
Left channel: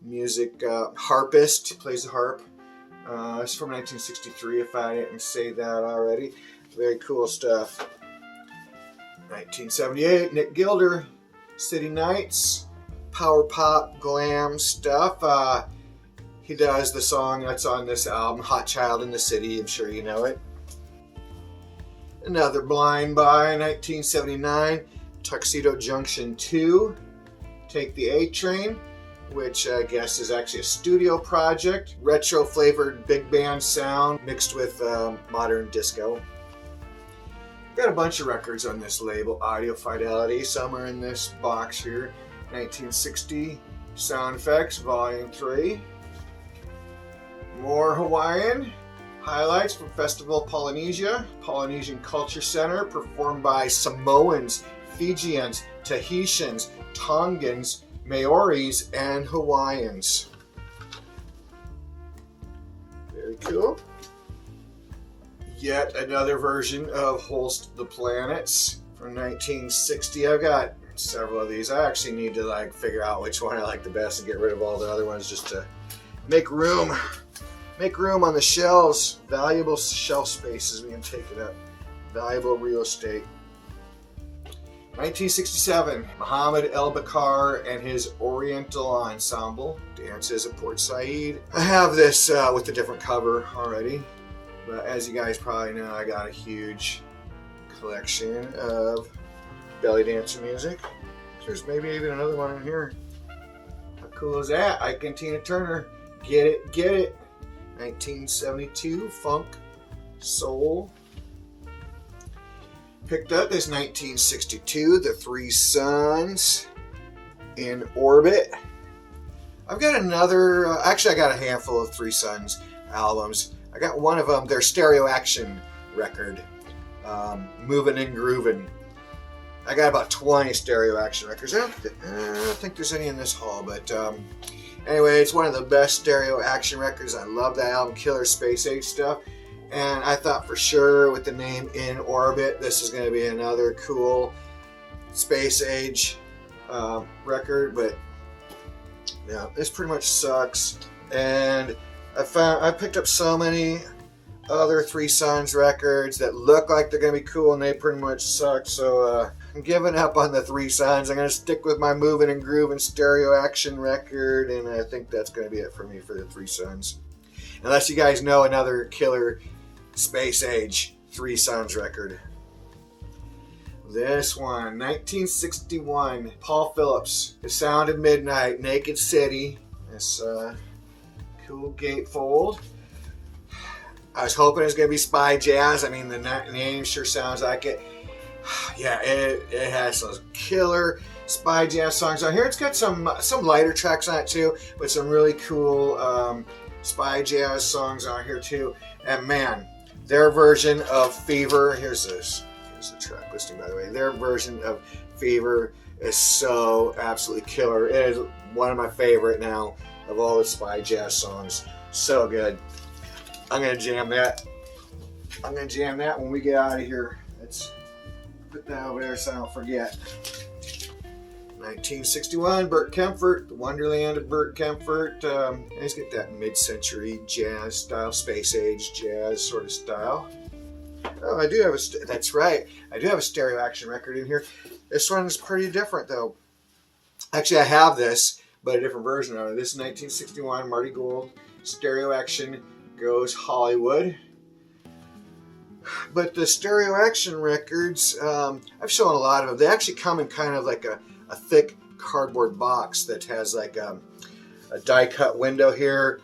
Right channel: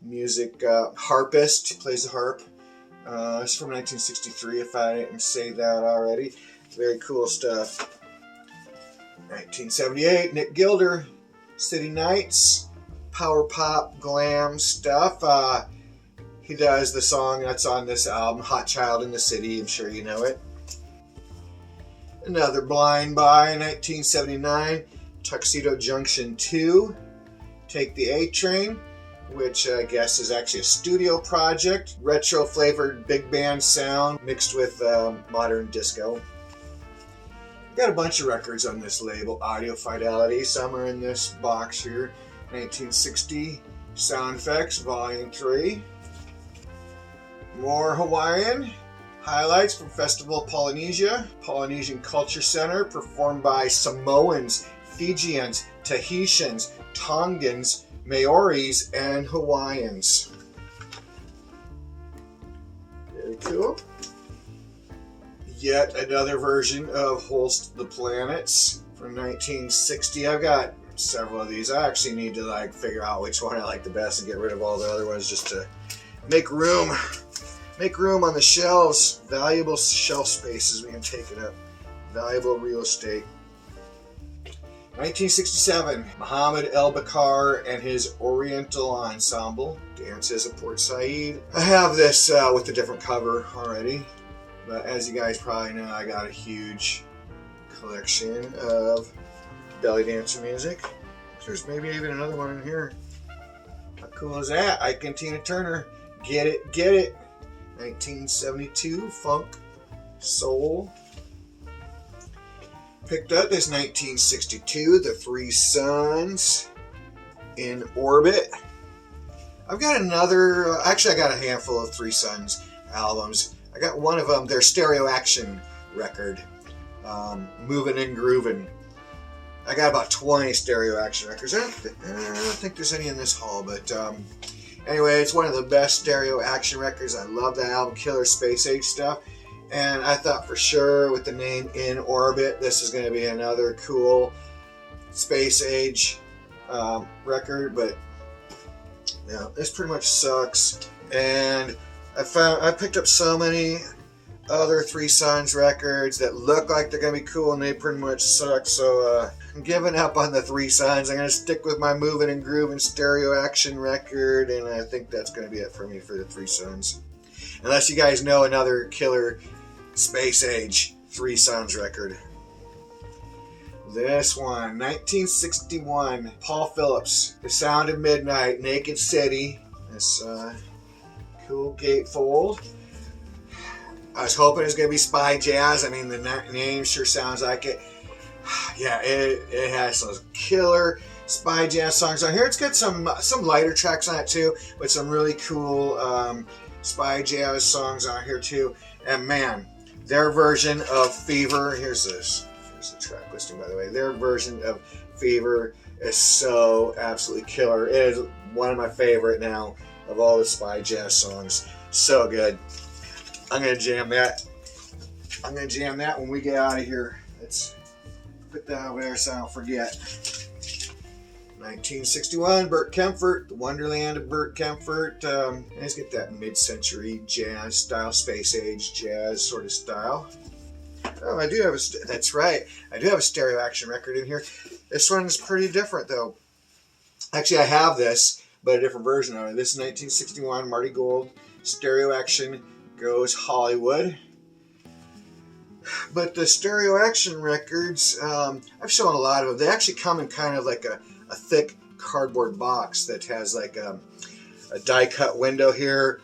music harpist, plays the harp. It's from 1963, if I didn't say that already. Very cool stuff. 1978, Nick Gilder, City Nights. Power pop, glam stuff. He does the song that's on this album, Hot Child in the City. I'm sure you know it. Another blind buy, 1979, Tuxedo Junction 2, Take the A Train, which I guess is actually a studio project. Retro flavored big band sound mixed with modern disco. Got a bunch of records on this label, Audio Fidelity. Some are in this box here. 1960, Sound Effects, Volume 3. More Hawaiian. Highlights from Festival Polynesia, Polynesian Culture Center, performed by Samoans, Fijians, Tahitians, Tongans, Maoris, and Hawaiians. Very cool. Yet another version of Holst the Planets from 1960. I've got several of these. I actually need to like figure out which one I like the best and get rid of all the other ones just to make room on the shelves. Valuable shelf space is being taken up. Valuable real estate. 1967, Muhammad El-Bakar and his Oriental Ensemble dances at Port Said. I have this with a different cover already, but as you guys probably know, I got a huge collection of belly dancer music. There's maybe even another one in here. How cool is that? Ike and Tina Turner. Get it, get it. 1972, funk, soul. Picked up this 1962, The Three Sons in Orbit. I've got another, actually I got a handful of Three Sons albums. I got one of them, their Stereo Action record, Movin' and Groovin'. I got about 20 Stereo Action records. I don't think there's any in this haul, but anyway, it's one of the best Stereo Action records. I love that album, Killer Space Age stuff. And I thought for sure with the name In Orbit, this is going to be another cool space age record, but yeah, this pretty much sucks. And I picked up so many other Three Sons records that look like they're going to be cool, and they pretty much suck. So I'm giving up on the Three Sons. I'm going to stick with my Movin' and Groovin' Stereo Action record, and I think that's going to be it for me for the Three Sons. Unless you guys know another killer space age Three Sons record. This one, 1961, Paul Phillips, The Sound of Midnight, Naked City. This cool gatefold. I was hoping it was going to be spy jazz. I mean, the name sure sounds like it. Yeah, it has those killer spy jazz songs on here. It's got some lighter tracks on it too, but some really cool spy jazz songs on here too. And man, their version of Fever, here's the track listing by the way, their version of Fever is so absolutely killer. It is one of my favorite now of all the spy jazz songs. So good. I'm going to jam that. I'm going to jam that when we get out of here. Let's put that over there so I don't forget. 1961, Burt Kaempfert, The Wonderland of Burt Kaempfert. Let's get that mid-century jazz style, space age jazz sort of style. Oh, I do have that's right. I do have a Stereo Action record in here. This one is pretty different though. Actually, I have this, but a different version of it. This is 1961, Marty Gould, Stereo Action Goes Hollywood. But the Stereo Action records, I've shown a lot of them. They actually come in kind of like a thick cardboard box that has like a die cut window here.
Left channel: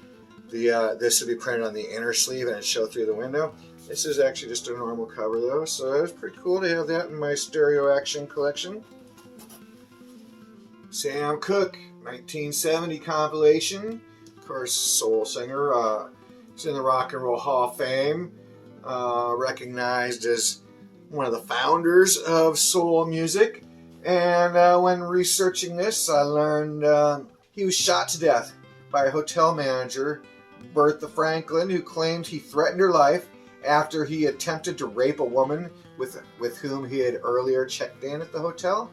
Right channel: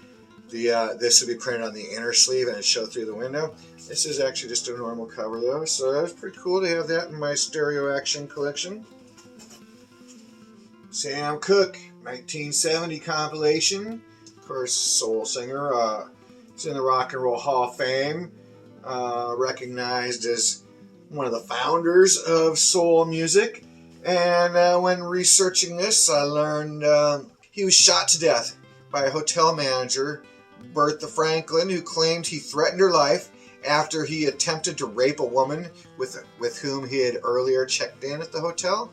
This would be printed on the inner sleeve and it'd show through the window. This is actually just a normal cover though, so that was pretty cool to have that in my Stereo Action collection. Sam Cooke, 1970 compilation. Of course, soul singer. He's in the Rock and Roll Hall of Fame. Recognized as one of the founders of soul music. And when researching this, I learned he was shot to death by a hotel manager, Bertha Franklin, who claimed he threatened her life after he attempted to rape a woman with whom he had earlier checked in at the hotel.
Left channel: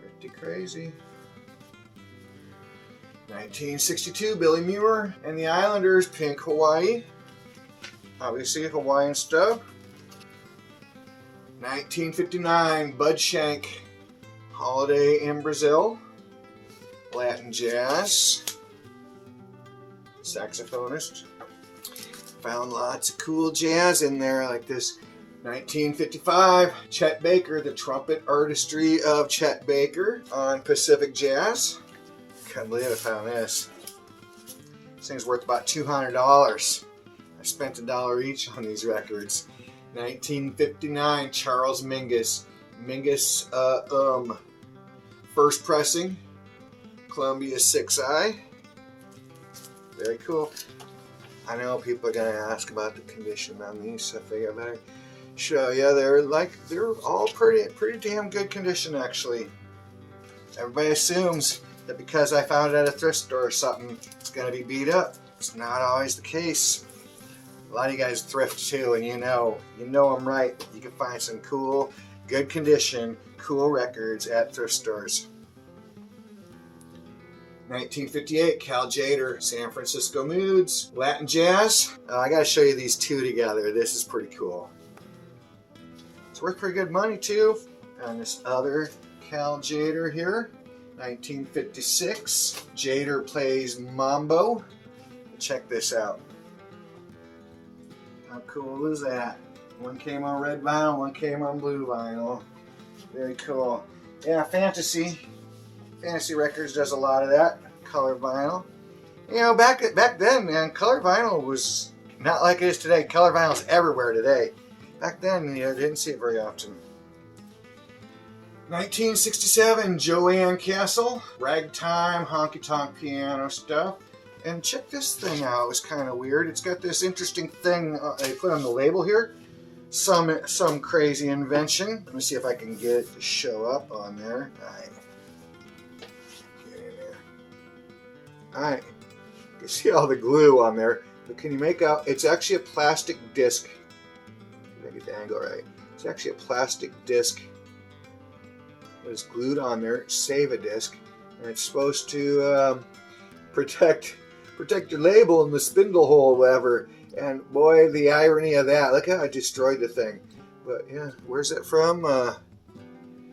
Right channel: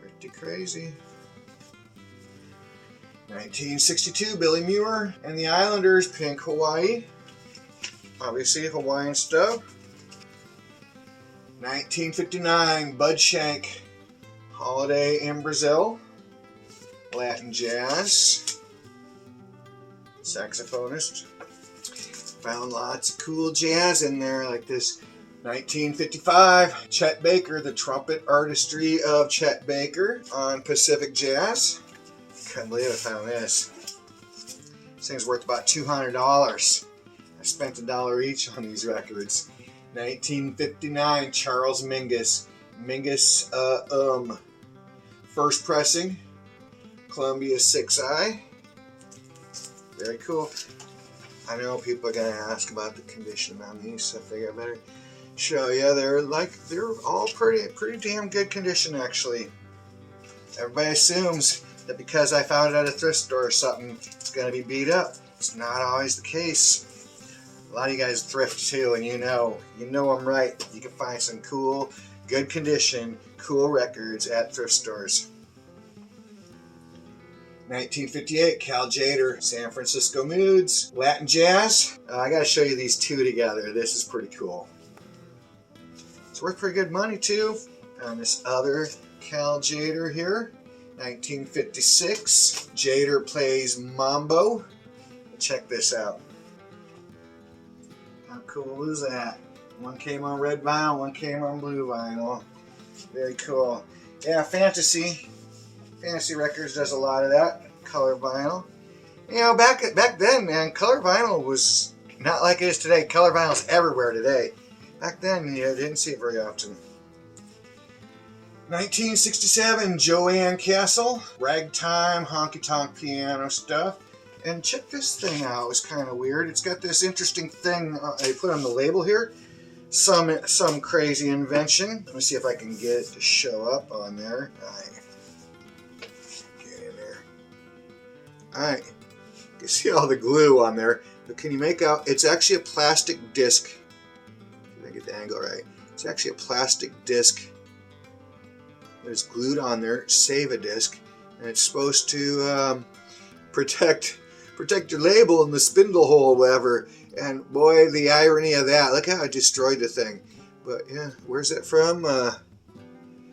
Pretty crazy. 1962, Billy Muir and the Islanders, Pink Hawaii. Obviously Hawaiian stuff. 1959, Bud Shank, Holiday in Brazil, Latin jazz, saxophonist. Found lots of cool jazz in there, like this 1955, Chet Baker, The Trumpet Artistry of Chet Baker on Pacific Jazz. Can't believe I found this. This thing's worth about $200. I spent $1 each on these records. 1959, Charles Mingus. First pressing, Columbia 6i. Very cool. I know people are gonna ask about the condition on these, so I figure I better show you. They're all pretty damn good condition actually. Everybody assumes that because I found it at a thrift store or something, it's gonna be beat up. It's not always the case. A lot of you guys thrift too, and you know I'm right. You can find some cool, good condition, cool records at thrift stores. 1958, Cal Jader, San Francisco Moods, Latin Jazz. I gotta show you these two together. This is pretty cool. It's worth pretty good money too. And this other Cal Jader here, 1956. Jader plays Mambo. Check this out. How cool is that? One came on red vinyl, one came on blue vinyl. Very cool. Yeah, Fantasy Records does a lot of that. Color vinyl. You know, back then, man, color vinyl was not like it is today. Color vinyl's everywhere today. Back then, you didn't see it very often. 1967, Joanne Castle, ragtime, honky-tonk piano stuff. And check this thing out. It's kind of weird. It's got this interesting thing they put on the label here. Some crazy invention. Let me see if I can get it to show up on there. Get in there. Alright. You can see all the glue on there. But can you make out? It's actually a plastic disc. If I get the angle right. It's actually a plastic disc. It's glued on there. Save a disc. And it's supposed to protect your label in the spindle hole, whatever. And boy, the irony of that. Look how I destroyed the thing. But yeah, where's it from?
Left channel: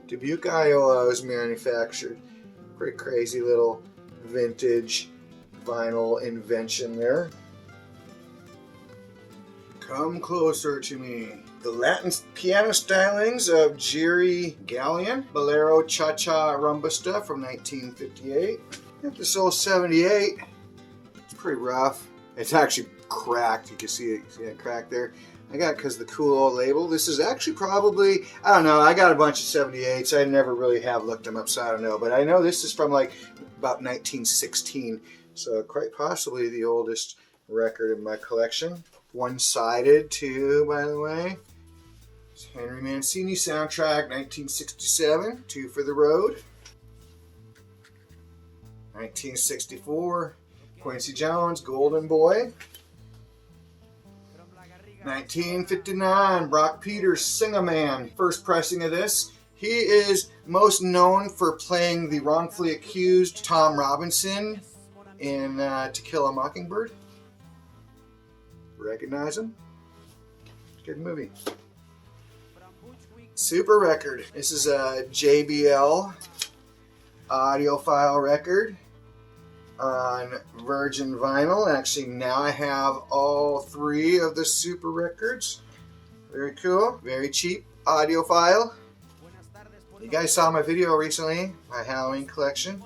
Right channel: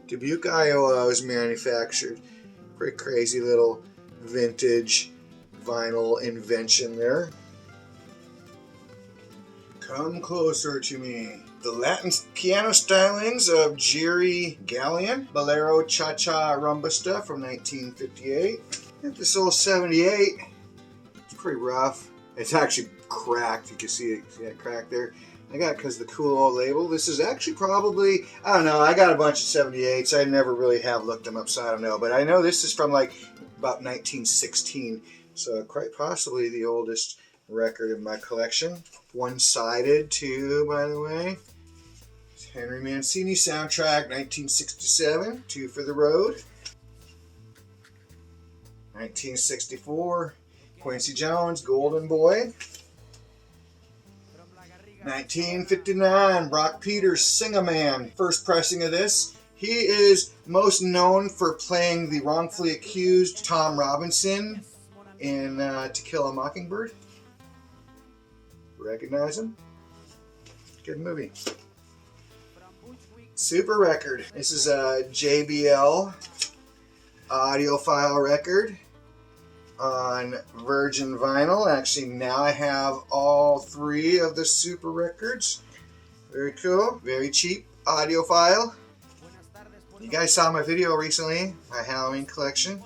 Dubuque, Iowa, it was manufactured. Pretty crazy little vintage vinyl invention there. Come closer to me. The Latin piano stylings of Jerry Gallion, Bolero Cha-Cha Rumba stuff from 1958. Got this old 78. It's pretty rough. It's actually cracked. You can see it. See that crack there? I got it because of the cool old label. This is actually probably, I don't know, I got a bunch of 78s. I never really have looked them up, so I don't know. But I know this is from like about 1916. So quite possibly the oldest record in my collection. One-sided too, by the way. It's Henry Mancini soundtrack, 1967. Two for the Road. 1964. Quincy Jones, Golden Boy. 1959, Brock Peters, Sing-A-Man, first pressing of this. He is most known for playing the wrongfully accused Tom Robinson in To Kill a Mockingbird. Recognize him? Good movie. Super record. This is a JBL audiophile record on virgin vinyl. Actually, now I have all three of the super records. Very cool. Very cheap audiophile. You guys saw my video recently, my Halloween collection.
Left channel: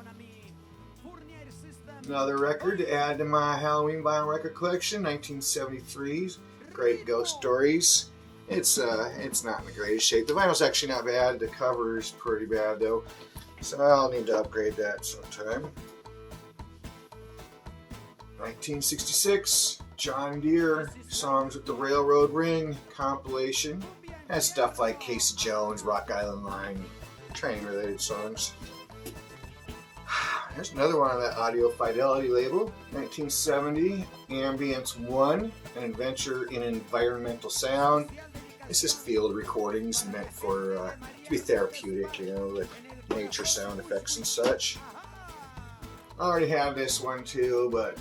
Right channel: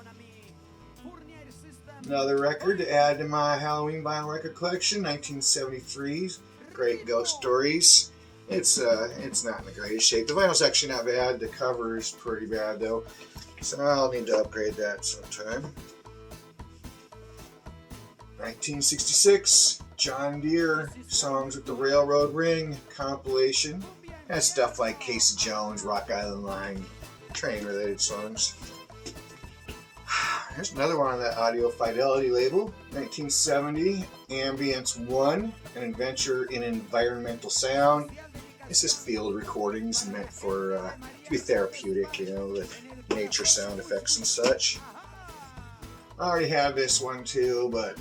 Another record to add to my Halloween vinyl record collection, 1973's Great Ghost Stories. It's not in the greatest shape. The vinyl's actually not bad. The cover is pretty bad though, so I'll need to upgrade that sometime. 1966, John Deere, Songs with the Railroad Ring compilation. That's stuff like Casey Jones, Rock Island Line, train-related songs. There's another one on that Audio Fidelity label. 1970, Ambience 1, An Adventure in Environmental Sound. This is field recordings meant for to be therapeutic, you know, with nature sound effects and such. I already have this one too, but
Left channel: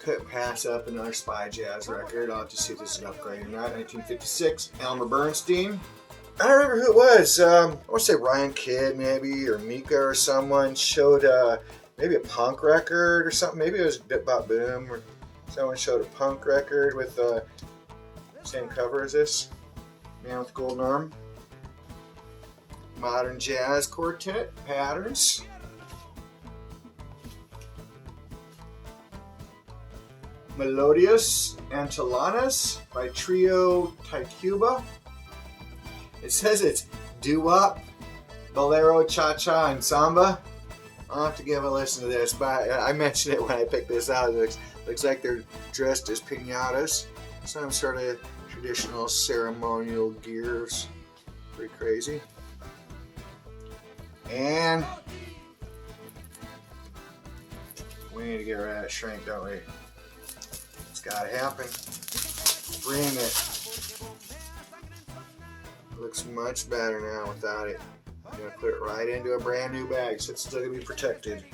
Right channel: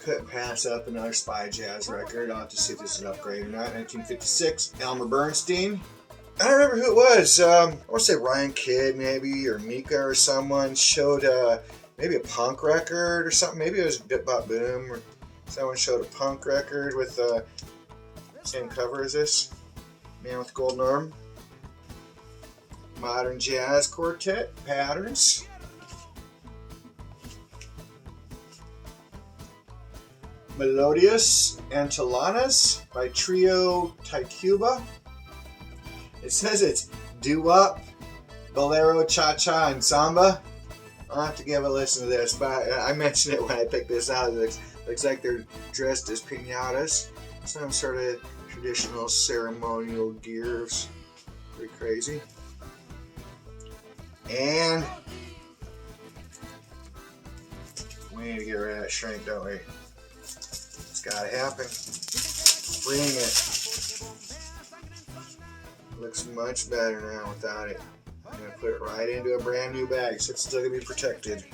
couldn't pass up another Spy Jazz record. I'll have to see if this is an upgrade or not. 1956, Elmer Bernstein. I don't remember who it was. I want to say Ryan Kidd maybe, or Mika or someone showed maybe a punk record or something. Maybe it was Bit Bop Boom, or someone showed a punk record with the same cover as this. Man with Golden Arm. Modern Jazz Quartet, Patterns. Melodious Antillanas by Trio Tituba. It says it's doo-wop, bolero, cha-cha, and samba. I'll have to give a listen to this, but I mentioned it when I picked this out. It looks like they're dressed as piñatas. Some sort of traditional ceremonial gears. Pretty crazy. And we need to get rid of that shrink, don't we? It's gotta happen. Bring it. Looks much better now without it. I'm going to put it right into a brand new bag so it's still going to be protected.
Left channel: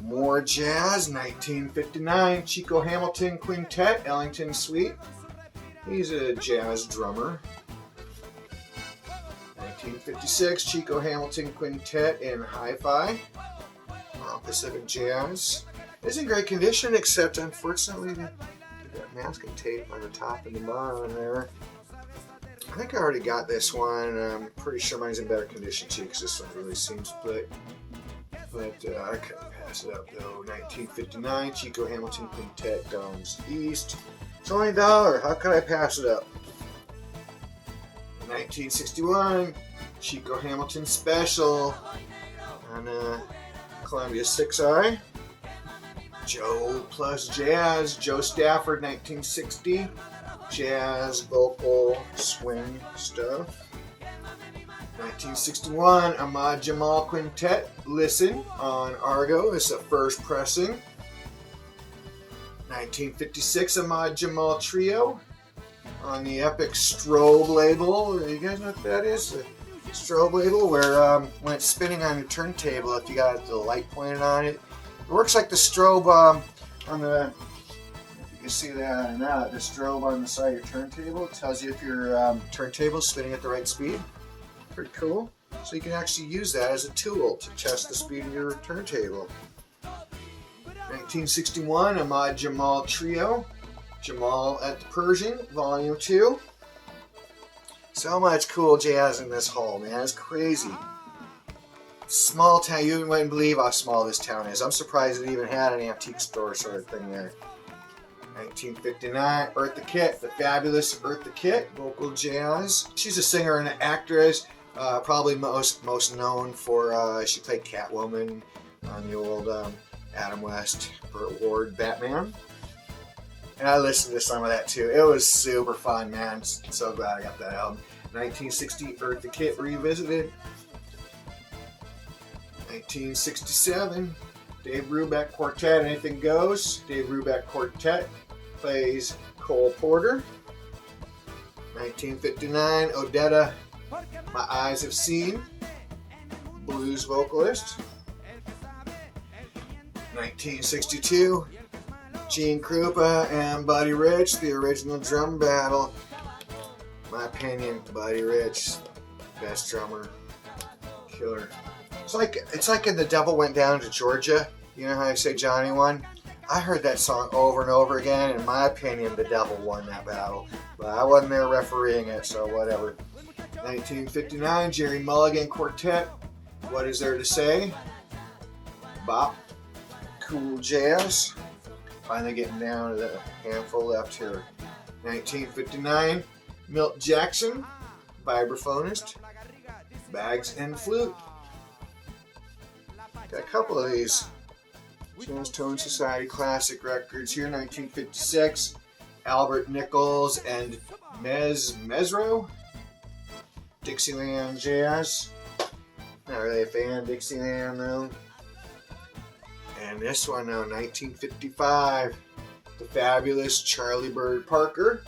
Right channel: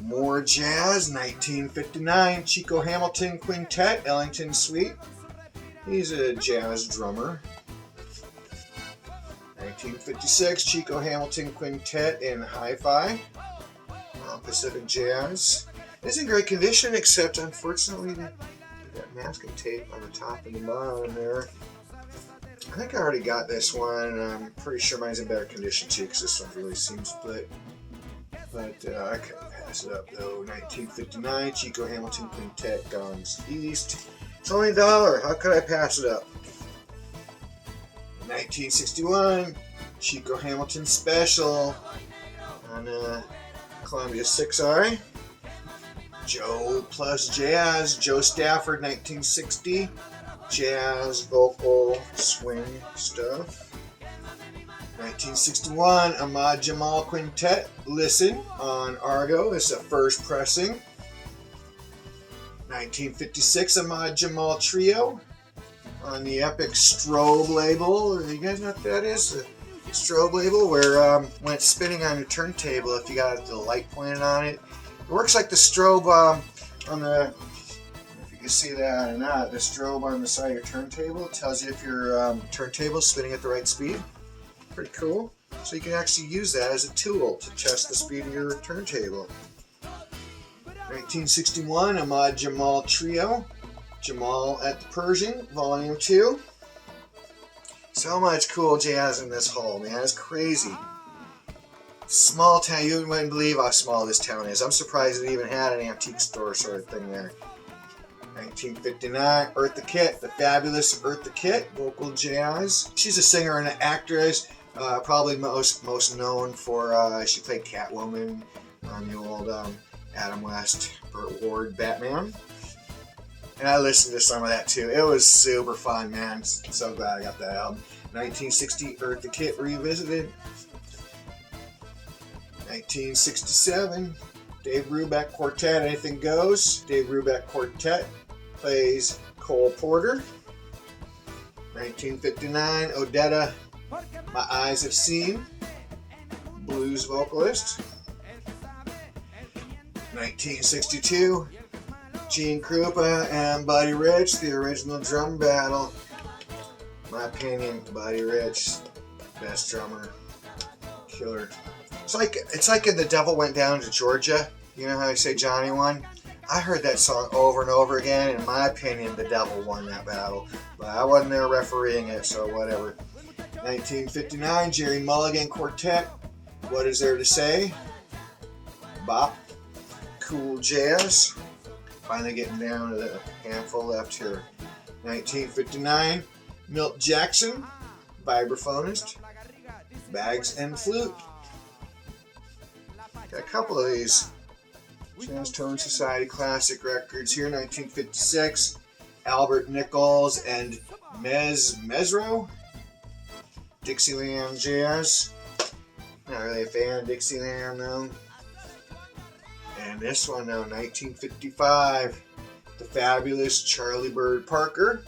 More jazz, 1959, Chico Hamilton Quintet, Ellington Suite. He's a jazz drummer. 1956, Chico Hamilton Quintet in Hi-Fi, Pacific Jazz. It's in great condition, except unfortunately that masking tape on the top and the bottom there. I think I already got this one. I'm pretty sure mine's in better condition too, because this one really seems split. But I couldn't pass it up though. 1959, Chico Hamilton Quintet, Guns East. It's only $1. How could I pass it up? 1961, Chico Hamilton Special on Columbia 6i. Joe plus Jazz, Joe Stafford, 1960. Jazz, vocal, swing stuff. 1961, Ahmad Jamal Quintet, Listen, on Argo. This is a first pressing. 1956, Ahmad Jamal Trio on the Epic Strobe label. You guys know what that is? The strobe label, where when it's spinning on your turntable, if you got the light pointed on it, it works like the strobe on the, if you can see that or not, the strobe on the side of your turntable. It tells you if your turntable is spinning at the right speed. Pretty cool. So you can actually use that as a tool to test the speed of your turntable. 1961, Ahmad Jamal Trio, Jamal at the Persian, Volume 2. So much cool jazz in this hole, man. It's crazy. Small town. You wouldn't believe how small this town is. I'm surprised it even had an antique store sort of thing there. 1959, Eartha Kitt, the fabulous Eartha Kitt, vocal jazz. She's a singer and an actress. Probably most known for she played Catwoman on the old Adam West, Burt Ward Batman. And I listened to some of that too. It was super fun, man. So glad I got that album. 1960, Eartha Kitt Revisited. 1967, Dave Brubeck Quartet, Anything Goes. Dave Brubeck Quartet plays Cole Porter. 1959, Odetta, My Eyes Have Seen, blues vocalist. 1962, Gene Krupa and Buddy Rich, the original drum battle. My opinion, Buddy Rich, best drummer, killer. It's like in The Devil Went Down to Georgia. You know how they say Johnny won? I heard that song over and over again. In my opinion, the devil won that battle. But I wasn't there refereeing it, so whatever. 1959, Jerry Mulligan Quartet, What Is There to Say? Bop. Cool jazz. Finally getting down to the handful left here. 1959, Milt Jackson, vibraphonist, Bags and Flute. Got a couple of these Jazz Tone Society classic records here. 1956, Albert Nichols and Mesro, Dixieland Jazz. Not really a fan of Dixieland though. And this one now, 1955, the fabulous Charlie Bird Parker.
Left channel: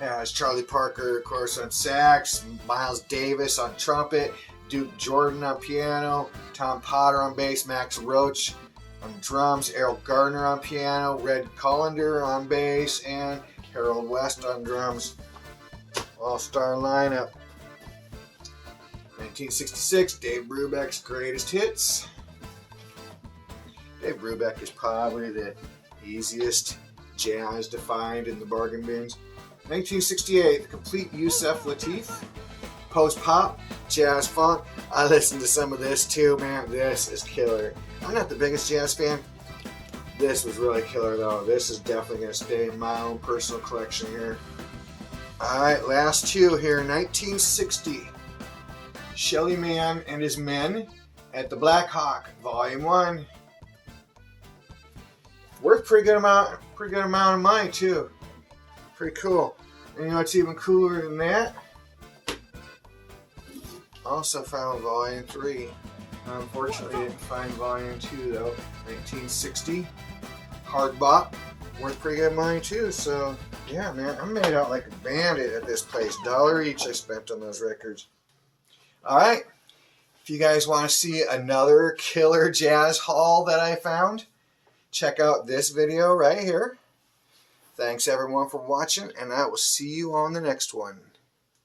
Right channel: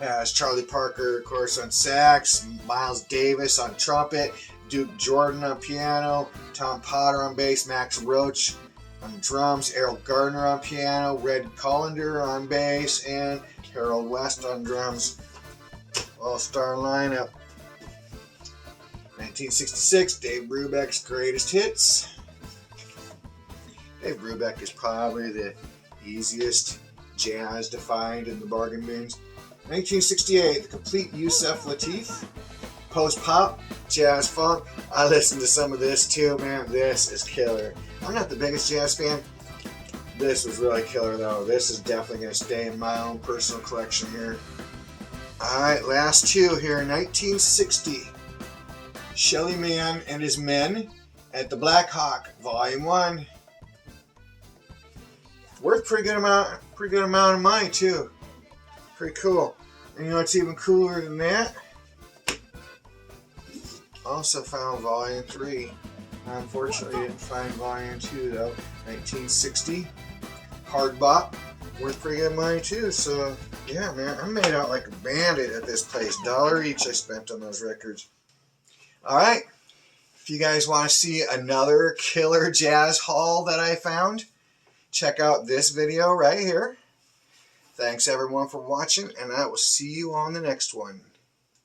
Has Charlie Parker, of course, on sax, Miles Davis on trumpet, Duke Jordan on piano, Tom Potter on bass, Max Roach on drums, Errol Gardner on piano, Red Collender on bass, and Harold West on drums. All-star lineup. 1966, Dave Brubeck's Greatest Hits. Dave Brubeck is probably the easiest jazz to find in the bargain bins. 1968, The Complete Yusef Lateef. Post-pop, jazz funk. I listened to some of this too, man. This is killer. I'm not the biggest jazz fan. This was really killer though. This is definitely going to stay in my own personal collection here. Alright, last two here. 1960, Shelly Manne and His Men at the Black Hawk, Volume 1. Worth pretty good amount of money too. Pretty cool. And you know what's even cooler than that? Also found Volume 3. Unfortunately, didn't find Volume 2 though. 1960, Hard Bop, worth pretty good money too. So yeah, man, I made out like a bandit at this place. $1 each I spent on those records. All right, if you guys want to see another killer jazz haul that I found, check out this video right here. Thanks everyone for watching, and I will see you on the next one.